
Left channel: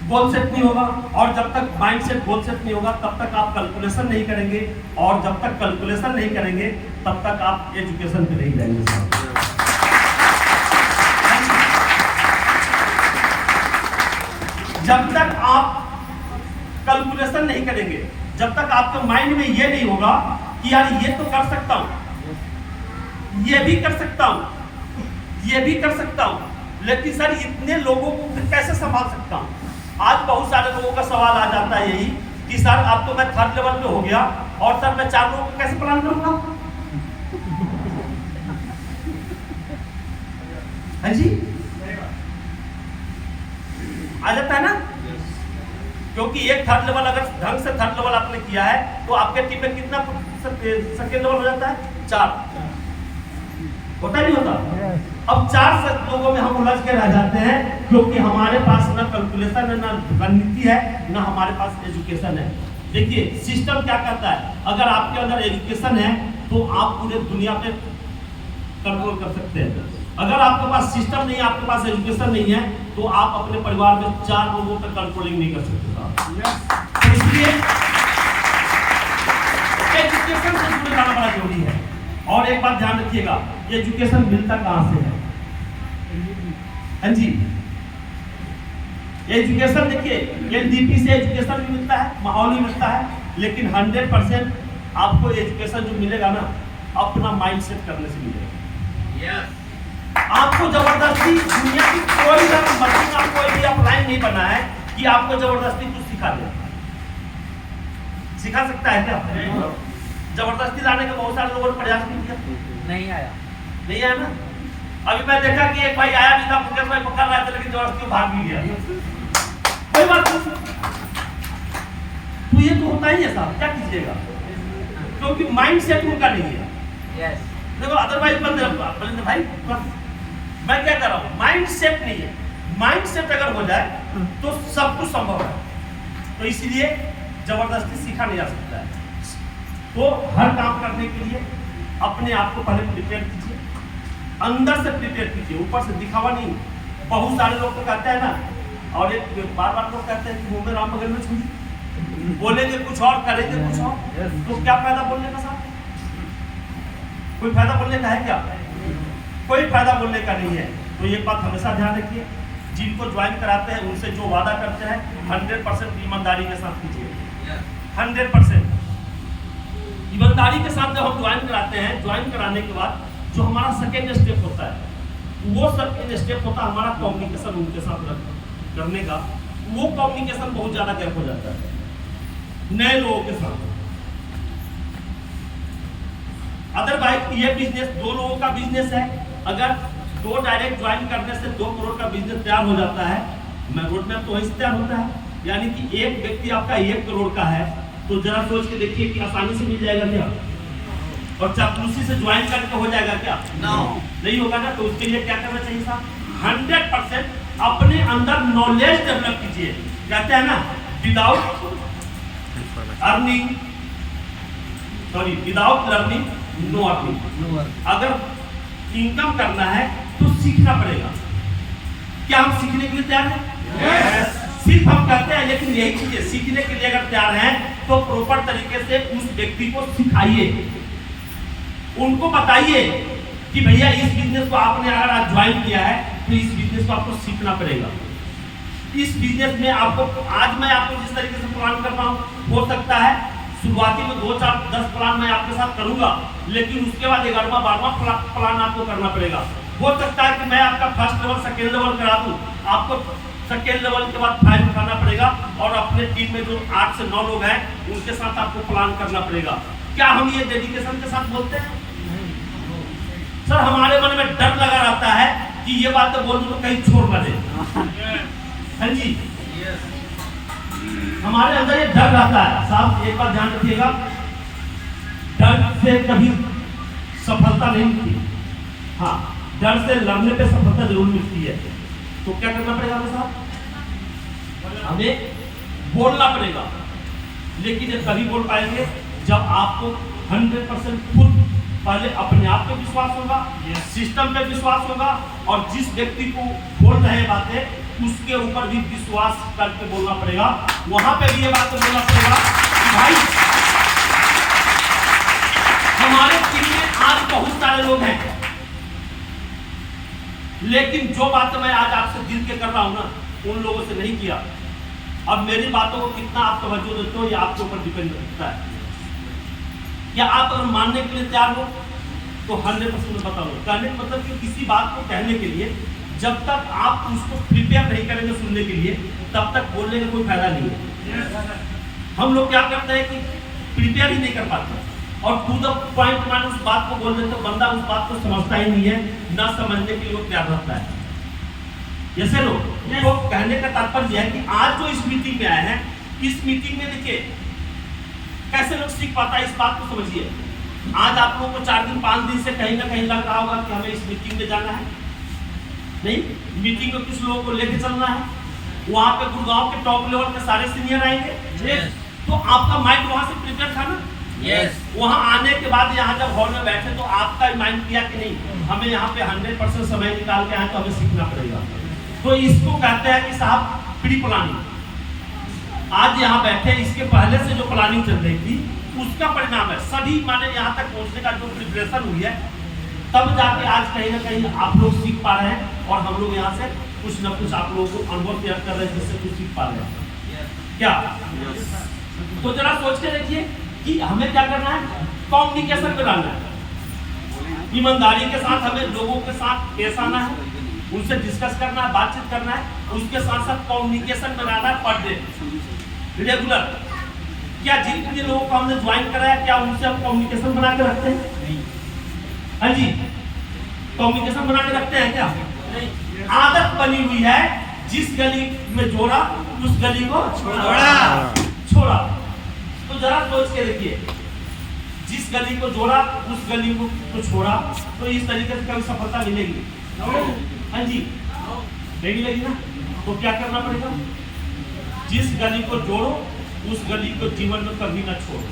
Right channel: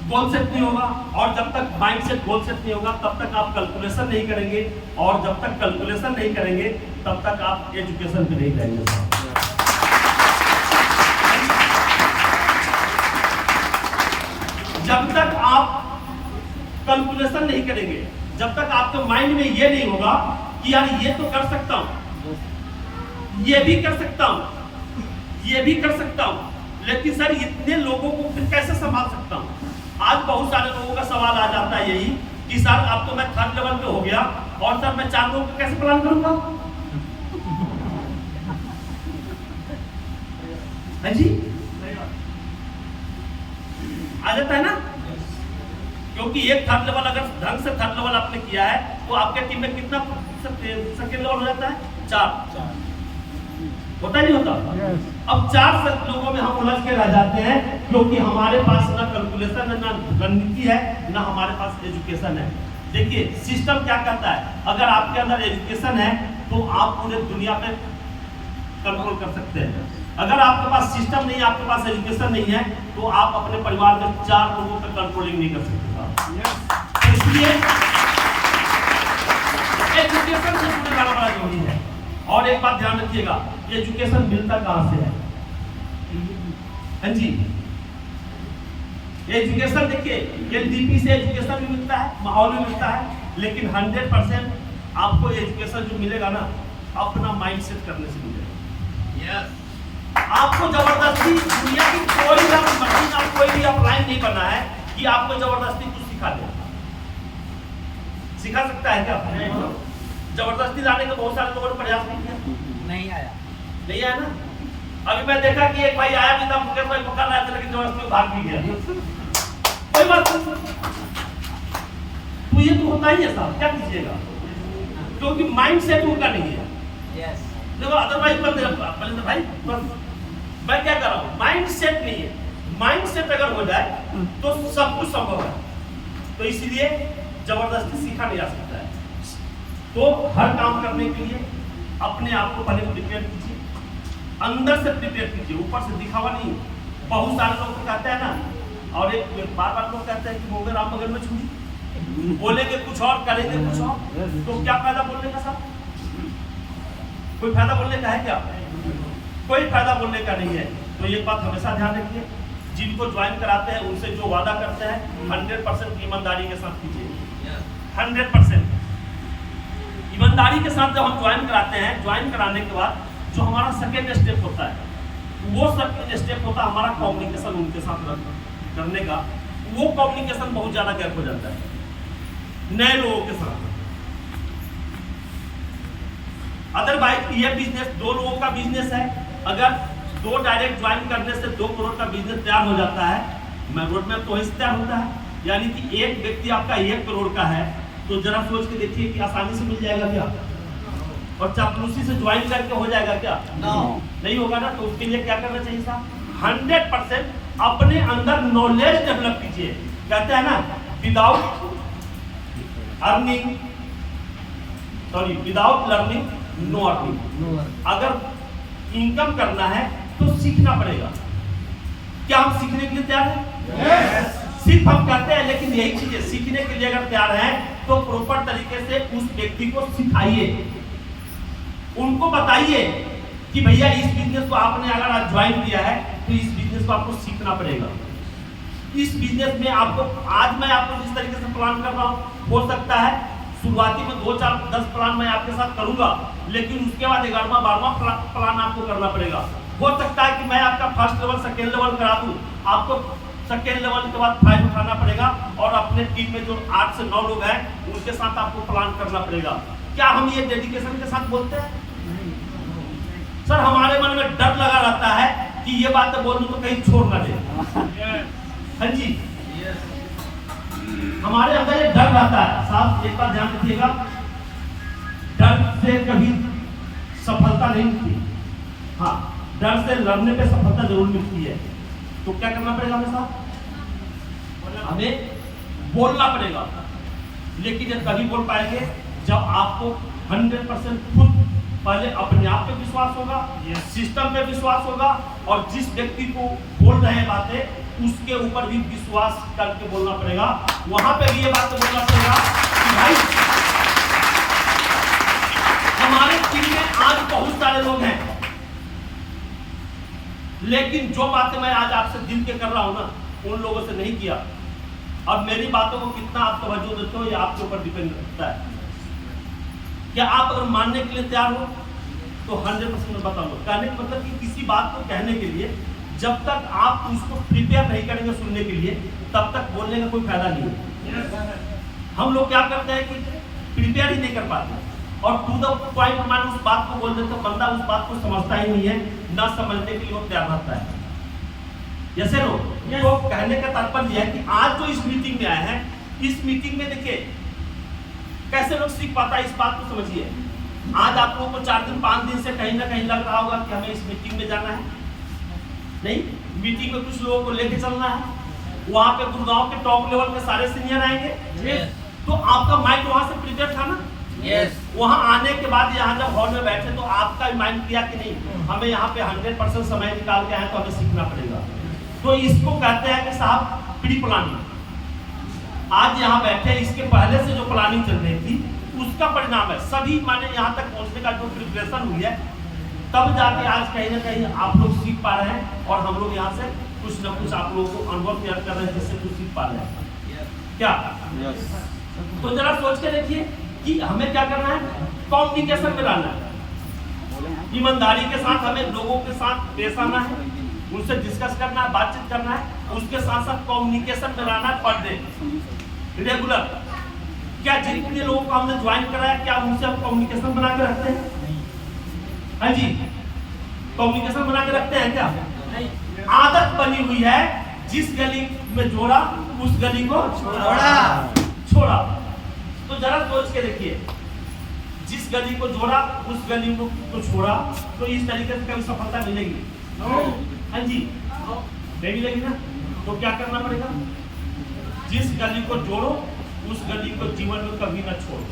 गोल सेट नहीं होगा, और जब तक माइंड सेट गोल सेट नहीं होगा तब तक आप कैलकुलेशन नहीं करेंगे, और जब तक कैलकुलेशन नहीं करेंगे तब तक आप एजुकेशन पे नहीं जाएंगे। जब तक आप कैलकुलेशन नहीं करेंगे, जब तक आपके माइंड में ये नहीं होगा कि यार ये तो कर सकता हूं, ये भी कर सकता हूं, ये भी कर सकता हूं, लेकिन सर इतने लोगों को फिर कैसे संभाल सकता हूं। आज बहुत सारे लोगों का सवाल आ जाता है यही कि सर अब तो मैं 3rd लेवल पे हो गया और सर मैं 4 लोगों को कैसे प्लान करूंगा। हाँ जी, आ जाता है ना, क्योंकि एक 3rd लेवल अगर ढंग से 3rd लेवल आपने किया है तो आपके टीम में कितना 2nd लेवल हो जाता है, 4 होता नहीं होता। अब 4 लोगों में हम उलझ के रह जाते हैं क्योंकि हमारे पास ना कैलकुलेशन है, ना रणनीति है, ना हमारे पास एजुकेशन है। देखिए सिस्टम क्या करता है, अगर आपके अंदर एजुकेशन है तो आप पूरे दुनिया पे कंट्रोल कर सकते हैं। अगर आपके पास सिस्टम नहीं है, आपके पास एजुकेशन नहीं है, तो आप अपने परिवार में 4 लोगों पर कंट्रोलिंग नहीं कर सकते। इसलिए एजुकेशन से जुड़े रहना बड़ा जरूरी है। और एक बात ध्यान रखिएगा, एजुकेशन मिलता कहां से है। हाँ जी, एजुकेशन देखिए एलडीपी से एजुकेशन भी मिलता है, माहौल भी मिलता है, लेकिन 100% आपको एजुकेशन जो मिलेगा ना अपना माइंड सेट करने से मिलेगा। आपको जबरदस्ती दुनिया की कोई मशीन का कोई भी अपलाइन नहीं करना है कि आपको जबरदस्ती कुछ सिखा दे। सिखा सकता है क्या? जबरदस्ती लाने का बहुत सारे लोगों ने प्रयास नहीं किया, नहीं आया ना। अभी मैं देखा कि एक भाई आया भी था, मुकेश भाई पकड़ रहा था, लेकिन जबरदस्ती भाग भी गया। कोई बात नहीं, तो ये तो होता ही है साहब, क्या कीजिएगा, क्योंकि माइंड सेट उनका नहीं है। देखो अदरवाइज बलिंदर भाई मैं क्या कर रहा हूँ, माइंड सेट नहीं है। माइंड सेट अगर हो जाए तो सब कुछ संभव है। तो इसलिए जबरदस्ती सीखा नहीं जा सकता है। तो हर काम करने के लिए अपने आप को पहले प्रिपेयर कीजिए, अंदर से प्रिपेयर कीजिए, ऊपर से दिखावा नहीं। बहुत सारे लोग तो कहते हैं ना, और एक बार लोग कहते हैं कि वो राम बगल में छुई, बोलेंगे कुछ और करेंगे कुछ और, तो क्या फायदा बोलने का साहब? कोई फायदा बोलने का है क्या? कोई फायदा बोलने का नहीं है। तो एक बात हमेशा ध्यान रखिए, जिनको ज्वाइन कराते हैं उनसे जो वादा करते हैं 100% ईमानदारी के साथ कीजिए। 100% ईमानदारी के साथ जब हम ज्वाइन कराते हैं, ज्वाइन कराने के बाद जो हमारा सेकेंड स्टेप होता है, वो सेकेंड स्टेप होता है हमारा कम्युनिकेशन उनके साथ करने का। वो कम्युनिकेशन बहुत ज़्यादा गैप हो जाता है नए लोगों के साथ। अदरवाइज ये बिजनेस 2 लोगों का बिजनेस है। अगर 2 डायरेक्ट ज्वाइन करने से 2 करोड़ का बिजनेस तैयार हो जाता है, मैं रोड मैप तो तैयार होता है। यानी कि एक व्यक्ति आपका 1 करोड़ का है, तो जरा सोच के देखिए कि आसानी से मिल जाएगा क्या? और चापलूसी से ज्वाइन करके हो जाएगा क्या? नहीं होगा ना। तो उसके लिए क्या करना चाहिए साहब? 100% अपने अंदर नॉलेज डेवलप कीजिए। कहते हैं ना, without earning, sorry without learning no earning. अगर इनकम करना है तो सीखना पड़ेगा। क्या हम सीखने के लिए तैयार हैं? सिर्फ हम कहते हैं, लेकिन यही चीजें सीखने के लिए अगर तैयार हैं तो प्रॉपर तरीके से उस व्यक्ति को सिखाइए, उनको बताइए कि भैया इस बिजनेस को आपने अगर आज ज्वाइन किया है तो इस बिजनेस को आपको सीखना पड़ेगा। इस बिजनेस में आपको, आज मैं आपको जिस तरीके से प्लान कर रहा हूँ, हो सकता है शुरुआती में 2, 4, 10 प्लान मैं आपके साथ करूंगा, लेकिन उसके बाद 11वां 12वां प्लान आपको करना पड़ेगा। हो सकता है कि मैं आपका 1st लेवल 2nd लेवल करा दूं, आपको 2nd लेवल के बाद 5 उठाना पड़ेगा, और अपने टीम में जो 8 से 9 लोग हैं उनके साथ आपको प्लान करना पड़ेगा। क्या हम ये डेडिकेशन के साथ बोलते हैं? सर हमारे मन में डर लगा रहता है कि ये बात बोल दूं तो कहीं छोड़ ना दे। हाँ जी, हमारे अंदर ये डर रहता है साहब। एक बात ध्यान रखिएगा, डर से कभी सफलता नहीं मिलती। हाँ, डर से लड़ने पे सफलता जरूर मिलती है। तो क्या करना पड़ेगा हमें साहब? हमें बोलना पड़ेगा। लेकिन ये तभी बोल पाएंगे जब आपको 100% खुद पहले अपने आप पे विश्वास होगा, सिस्टम पे विश्वास होगा, और जिस व्यक्ति को बोल रहे हैं बातें उसके ऊपर भी विश्वास करके बोलना पड़ेगा। वहां पे भी ये बात बोलना पड़ेगा कि भाई हमारे टीम में आज बहुत सारे लोग हैं, लेकिन जो बातें मैं आज आपसे दिल के कर रहा हूं ना, उन लोगों से नहीं किया। अब मेरी बातों को कितना आप तवज्जो देते हो ये आपके ऊपर डिपेंड करता है। क्या आप अगर मानने के लिए तैयार हो तो 100% मैं बताऊंगा। कहने का मतलब कि किसी बात को कहने के लिए जब तक आप उसको प्रिपेयर नहीं करेंगे सुनने के लिए, तब तक बोलने का कोई फायदा नहीं है। हम लोग क्या करते हैं कि प्रिपेयर ही नहीं कर पाते और टू द पॉइंट मान उस बात को बोल देते हैं, बंदा उस बात को समझता ही नहीं है, ना समझने के लिए वो तैयार रहता है। जैसे लोग तो कहने का तात्पर्य है कि आज जो इस मीटिंग में आए हैं, इस मीटिंग में देखिए कैसे लोग सीख पाता है, इस बात को समझिए। आज आप लोगों को 4 दिन 5 दिन से कहीं ना कहीं लग रहा होगा कि हमें इस मीटिंग में जाना है, नहीं, मीटिंग में कुछ लोगों को लेके चलना है, वहां पे गुड़गांव के टॉप लेवल के सारे सीनियर आएंगे, तो आपका माइंड वहां से प्रिपेयर था ना। वहां आने के बाद यहाँ जब हॉल में बैठे तो आपका माइंड किया कि नहीं, हमें यहाँ पे 100% समय निकाल के आए तो हमें सीखना पड़ेगा। तो इसको कहते हैं कि साहब प्री प्लानिंग। आज यहाँ बैठे, इसके पहले से जो प्लानिंग चल रही थी उसका परिणाम है। सभी माने यहाँ तक पहुँचने का जो प्रिपरेशन हुई है, तब जाके आज कहीं ना कहीं आप लोग सीख पा रहे हैं, और हम लोग यहाँ से कुछ न कुछ आप लोगों को अनुभव तैयार कर रहे हैं जिससे कुछ सीख पा रहे हैं क्या। तो जरा सोच के देखिए कि हमें क्या करना है, कम्युनिकेशन में रहना है, ईमानदारी के साथ हमें लोगों के साथ पेश आना है, उनसे डिस्कस करना है, बातचीत करना है, उसके साथ साथ कम्युनिकेशन में रहना है पर डे रेगुलर। क्या जितने लोगों को हमने ज्वाइन कराया क्या उनसे हम कम्युनिकेशन बना के रखते हैं? हाँ जी, कम्युनिकेशन बना के रखते हैं क्या? आदत बनी हुई है, जिस गली में जोड़ा उस गली को छोड़ा। तो जरा सोच के देखिए, जिस गली को जोड़ा उस गली को छोड़ा, तो इस तरीके से कभी सफलता मिलेगी? हाँ जी, नहीं मिलेगी ना। तो क्या करना पड़ेगा, जिस गली को जोड़ो उस गली को जीवन में कभी ना छोड़ो।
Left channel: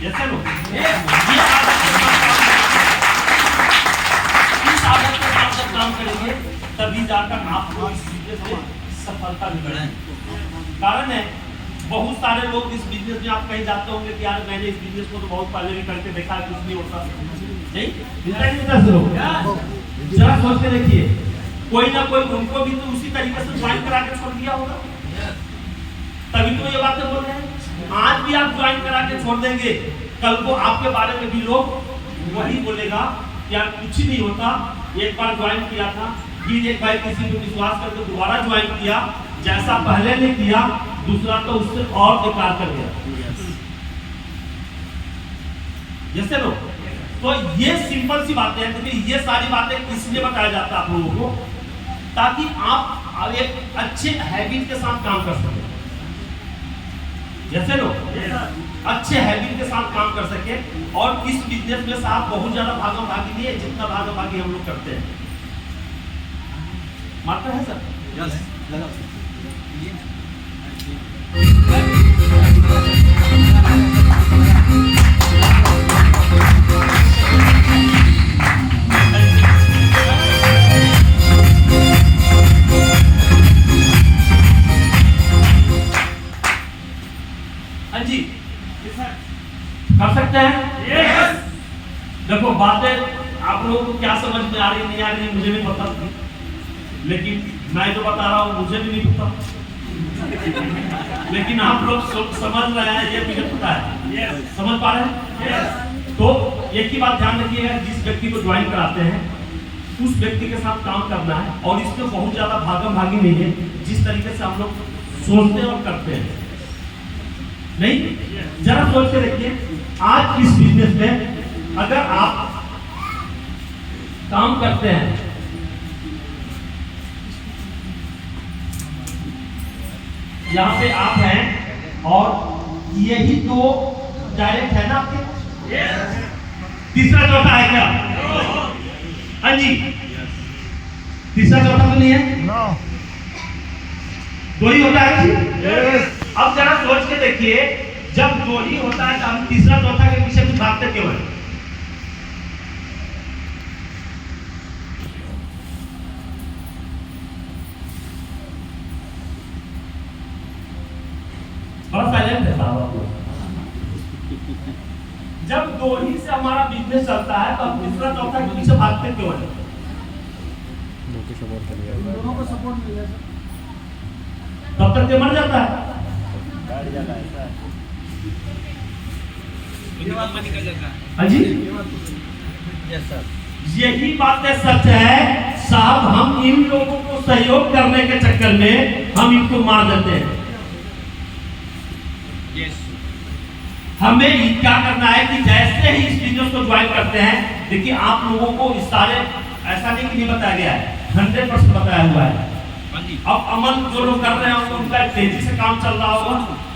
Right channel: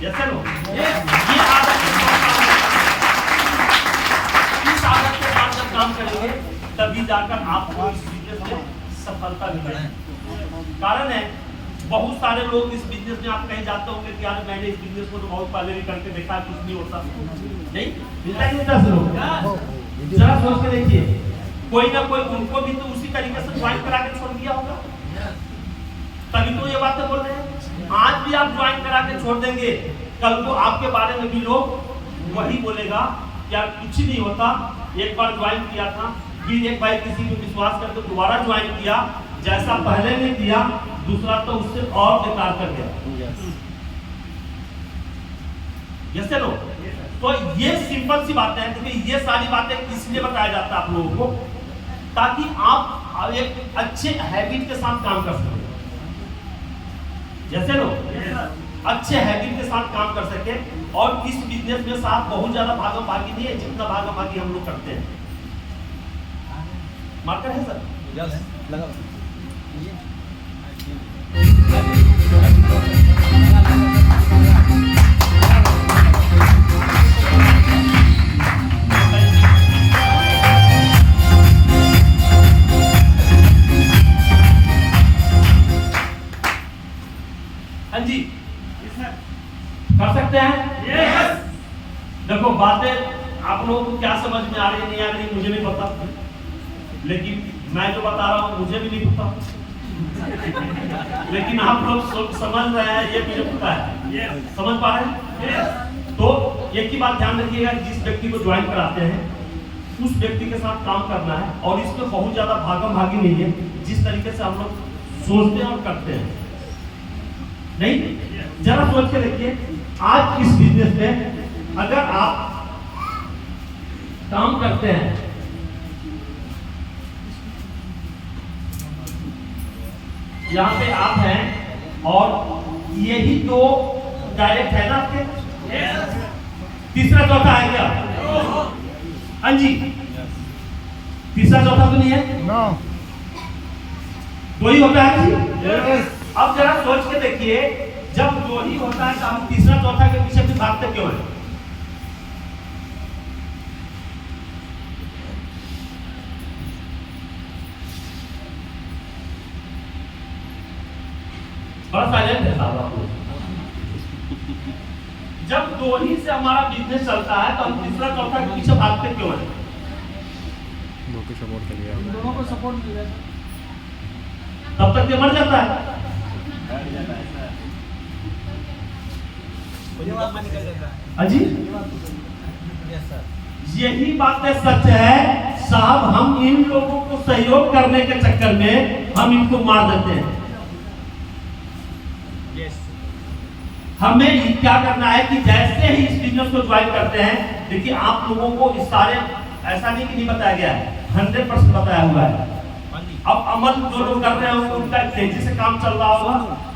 जैसे लोग ये आदत के साथ इस आदत के साथ जब काम करेंगे तभी जाकर आपको इस बिजनेस में सफलता मिलेगी। कारण है बहुत सारे लोग इस बिजनेस में, आप कहीं जाते होंगे कि यार मैंने इस बिजनेस को तो बहुत पहले भी करके देखा है, कुछ नहीं होता, नहीं। जरा सोच के देखिए, कोई ना कोई उनको भी तो उसी तरीके से ज्वाइन करा के छोड़ दिया होगा, तभी तो ये बातें बोल रहे हैं। आज भी आप ज्वाइन करा के छोड़ देंगे, कल को आपके बारे में भी लोग वही बोलेगा कि यार कुछ नहीं होता, एक बार ज्वाइन किया था, फिर एक बार किसी पे विश्वास करके दोबारा ज्वाइन किया, जैसा पहले ने किया दूसरा तो उससे और बेकार कर गया। जैसे लोग तो ये सिंपल सी बातें हैं। देखिए ये सारी बातें इसलिए बताया जाता है आप लोगों को, ताकि आप एक अच्छे हैबिट के साथ काम कर सकें। जैसे लोग अच्छे हैबिट के साथ काम कर सके, और इस बिजनेस में साथ बहुत ज्यादा भागम भागी नहीं है जितना भागम भागी हम लोग करते हैं। मार्कर है सर? यस, लगा। हाँ जी, कर सकते हैं। yes. देखो बातें आप लोगों को क्या समझ में आ रही नहीं आ रही मुझे नहीं पता, लेकिन मैं जो बता रहा हूँ मुझे भी नहीं पता, लेकिन आप लोग समझ रहे हैं ये मुझे पता है। yes. समझ पा रहे हैं? yes. तो एक ही बात ध्यान रखिएगा, जिस व्यक्ति को ज्वाइन कराते हैं उस व्यक्ति के साथ काम करना है, और इसमें बहुत ज्यादा भागम भागी नहीं है जिस तरीके से हम लोग सोचते हैं और करते हैं। नहीं, जरा सोच के देखिए, आज इस बिजनेस में अगर आप काम करते हैं, यहाँ पे आप हैं और यही तो डायरेक्ट है ना आपके, तीसरा चौथा है क्या? हाँ जी, तीसरा चौथा तो नहीं है, दो ही होता है। अब जरा सोच के देखिए, जब दो ही होता है तो हम तीसरा चौथा के भागते क्यों हैं? बड़ा साइलेंट है साहब आप लोग। जब दो ही से हमारा बिजनेस चलता है तो हम तीसरा चौथा के पीछे भागते क्यों हैं? दोनों को सपोर्ट करिए, दोनों को सपोर्ट किया तब तक ये मर जाता है। अजी यही बातें सच है साहब। हम इन लोगों को सहयोग करने के चक्कर में हम इनको मार देते हैं। हमें क्या करना है कि जैसे ही इस बिजनेस को ज्वाइन करते हैं, देखिए आप लोगों को इस सारे ऐसा नहीं बताया गया है, 100% बताया हुआ है। अब अमल जो लोग कर रहे होंगे उनका तेजी से काम चल रहा होगा,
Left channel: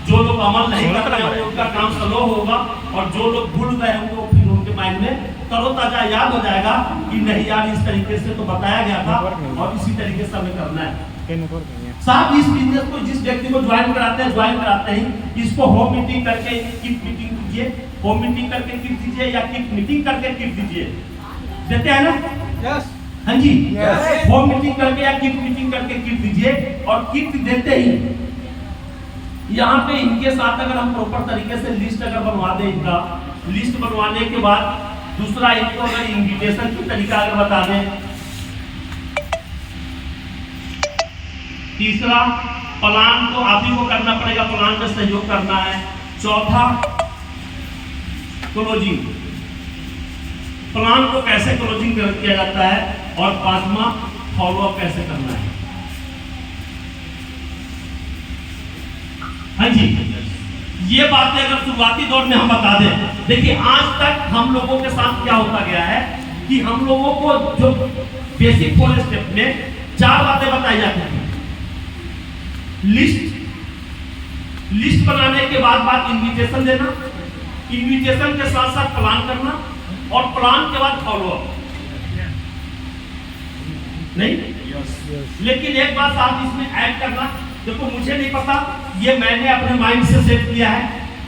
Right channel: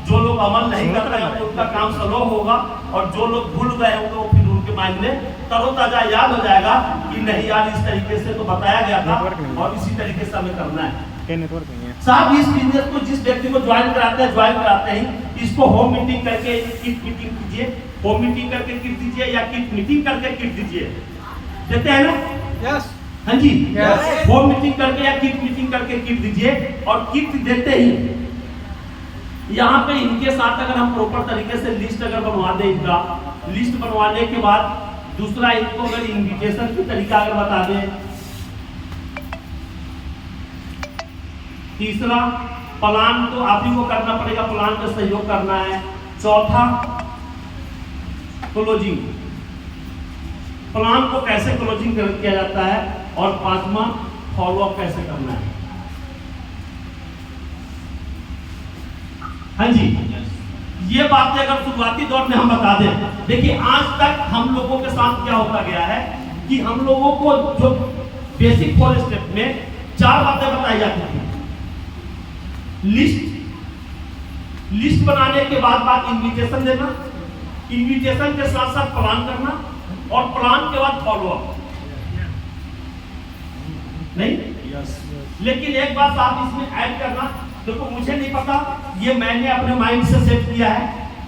जो लोग अमल नहीं कर रहे होंगे उनका काम स्लो होगा, और जो लोग भूल गए होंगे वो फिर उनके माइंड में तरोताजा याद हो जाएगा कि नहीं यार इस तरीके से तो बताया गया था और इसी तरीके से हमें करना है। नेटवर्क नहीं है साहब इस बिजनेस को जिस व्यक्ति को ज्वाइन कराते हैं इसको होम मीटिंग करके किट मीटिंग दीजिए, होम मीटिंग करके किट दीजिए या किट मीटिंग करके किट दीजिए, देते हैं ना? यस हाँ जी, होम मीटिंग करके या किट मीटिंग करके किट दीजिए। और किट देते ही यहाँ पे इनके साथ अगर हम प्रॉपर तरीके से लिस्ट अगर बनवा दें, इनका लिस्ट बनवाने के बाद दूसरा इनको अगर इन्विटेशन की तरीका अगर बता दें, तीसरा प्लान तो आप ही को करना पड़ेगा, प्लान में सहयोग करना है। चौथा क्लोजिंग, प्लान को कैसे क्लोजिंग किया जाता है, और पांचवा फॉलोअप कैसे करना है। हाँ जी, ये बातें अगर शुरुआती दौर में हम बता दें, देखिए आज तक हम लोगों के साथ क्या होता गया है कि हम लोगों को जो बेसिक 4 स्टेप में 4 बातें बताई जाती थी। लिस्ट बनाने के बाद इन्विटेशन देना, इन्विटेशन के साथ साथ प्लान करना, और प्लान के बाद फॉलोअप। नहीं लेकिन एक बात आप इसमें ऐड करना, देखो मुझे नहीं पता, ये मैंने अपने माइंड से सेट किया है,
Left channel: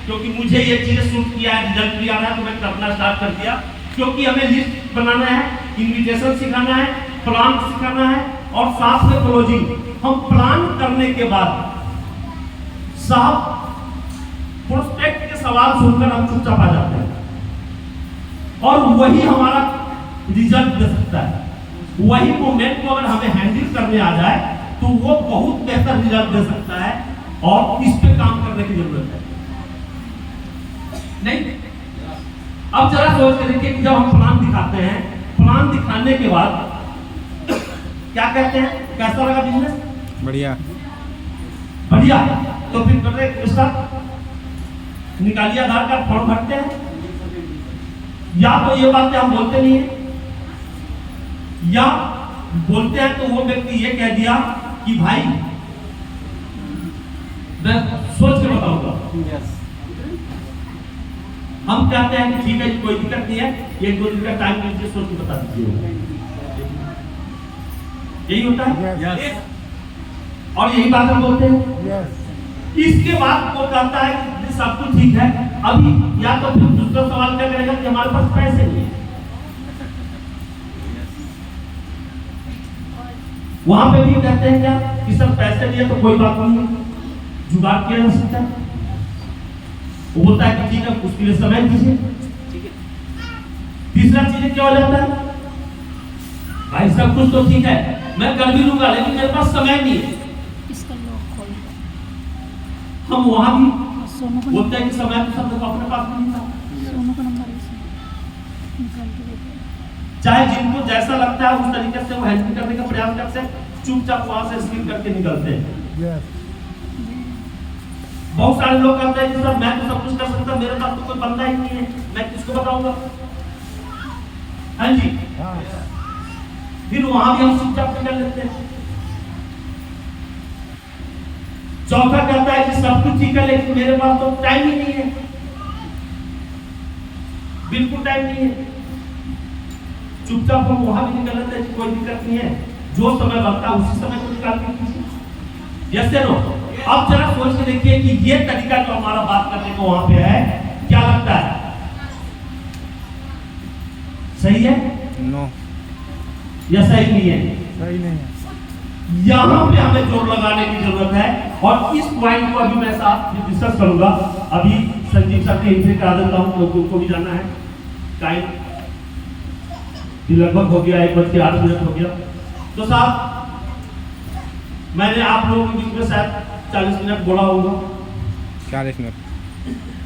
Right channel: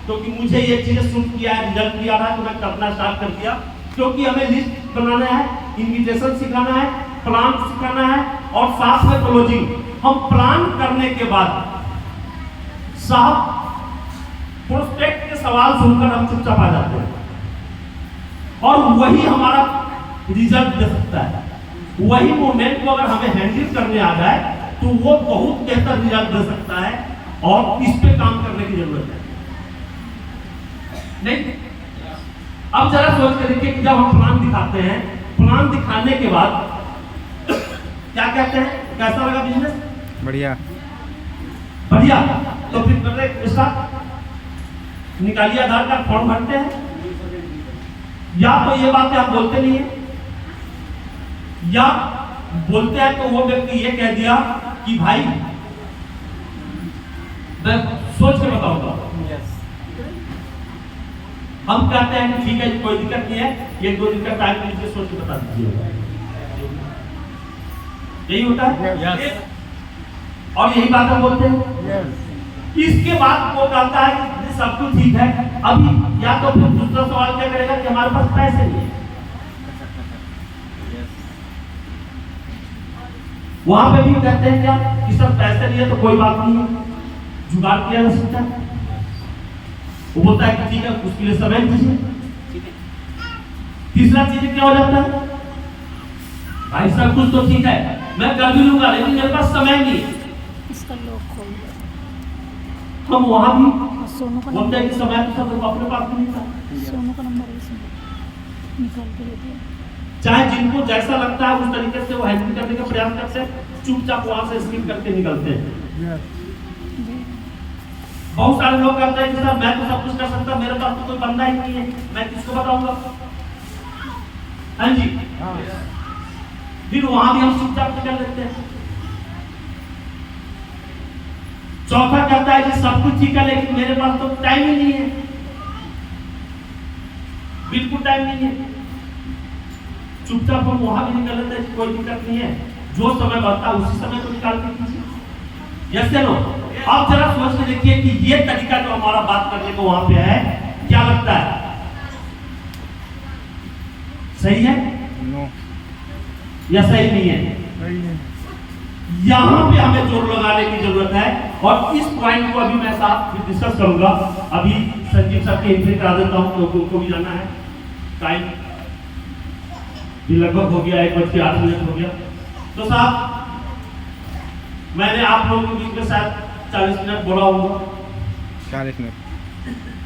क्योंकि मुझे ये चीजें सूट किया है, रिजल्ट भी आ रहा है तो मैं करना स्टार्ट कर दिया। क्योंकि हमें लिस्ट बनाना है, इन्विटेशन सिखाना है, प्लान सिखाना है, और साथ में क्लोजिंग। हम प्लान करने के बाद साहब प्रोस्पेक्ट के सवाल सुनकर हम चुपचाप आ जाते हैं, और वही हमारा रिजल्ट दे सकता है। वही मोमेंट को अगर हमें हैंडल करने आ जाए तो वो बहुत बेहतर रिजल्ट दे सकता है, और इस पे काम करने की जरूरत है। नहीं, अब जरा सोच के देखिए कि जब हम प्लान दिखाते हैं, प्लान दिखाने के बाद क्या कहते हैं, कैसा लगा बिजनेस? बढ़िया बढ़िया। तो फिर कर रहे इसका निकालिए आधार कार्ड, फॉर्म भरते हैं, या तो ये बातें हम बोलते नहीं है, या बोलते हैं तो वो व्यक्ति ये कह दिया कि भाई मैं सोच के बताऊंगा। हम कहते हैं कि ठीक है कोई दिक्कत नहीं है, 1-2 दिन का टाइम लीजिए, सोच के बता दीजिए। यही होता है यस और यही बात हम बोलते हैं। इसके बाद वो कहता है कि सब कुछ ठीक है, अभी या तो फिर दूसरा सवाल क्या करेगा कि हमारे पास पैसे नहीं है। वहां पे भी कहते हैं क्या कि सब पैसे नहीं है तो कोई बात नहीं, जुगाड़ किया जा सकता है। वो बोलता है कि ठीक है उसके लिए समय दीजिए। तीसरा चीज क्या हो जाता है, भाई सब कुछ तो ठीक है मैं कर भी लूंगा, लेकिन मेरे पास समय नहीं है। इसका लॉक खोल दो। हम वहां भी सोनू को बोलते हैं कि समय तो सब अपने पास नहीं था। सोनू का नंबर है, निकाल के देते हैं। चाहे जिनको जैसा लगता है उस तरीके से वो हैंडल करने का प्रयास करते हैं, चुपचाप वहां से स्किप करके निकलते हैं। बहुत सारे लोग कहते हैं कि सर मैं तो सब कुछ कर सकता, मेरे पास तो कोई बंदा ही नहीं है, मैं किसको बताऊंगा। हाँ जी, फिर वहां भी हम चुपचाप निकल लेते हैं। चौथा कहता है कि सब कुछ ठीक है लेकिन मेरे पास तो टाइम ही नहीं है, बिल्कुल टाइम नहीं है। चुपचाप हम वहां भी निकल लेते हैं कि कोई दिक्कत नहीं है, जो समय बनता है उसी समय को निकाल के कीजिए। यस या नो? अब जरा सोच के देखिए कि ये तरीका जो हमारा बात करने को वहां पे है, क्या लगता है सही है नो या सही नहीं है? सही नहीं है। यहाँ पे हमें जोर लगाने की जरूरत है और इस पॉइंट को अभी मैं साथ डिस्कस करूंगा। अभी संजीव सर के इंट्री करा देता हूँ क्योंकि उनको भी जाना है। टाइम भी लगभग हो गया, 1:08 हो गया। तो साहब मैंने आप लोगों के बीच में शायद 40 मिनट बोला होगा। 40 मिनट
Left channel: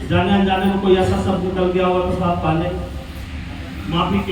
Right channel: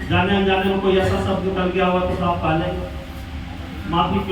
जाने अनजाने में कोई ऐसा शब्द निकल गया हुआ तो साहब पहले माफी क्यों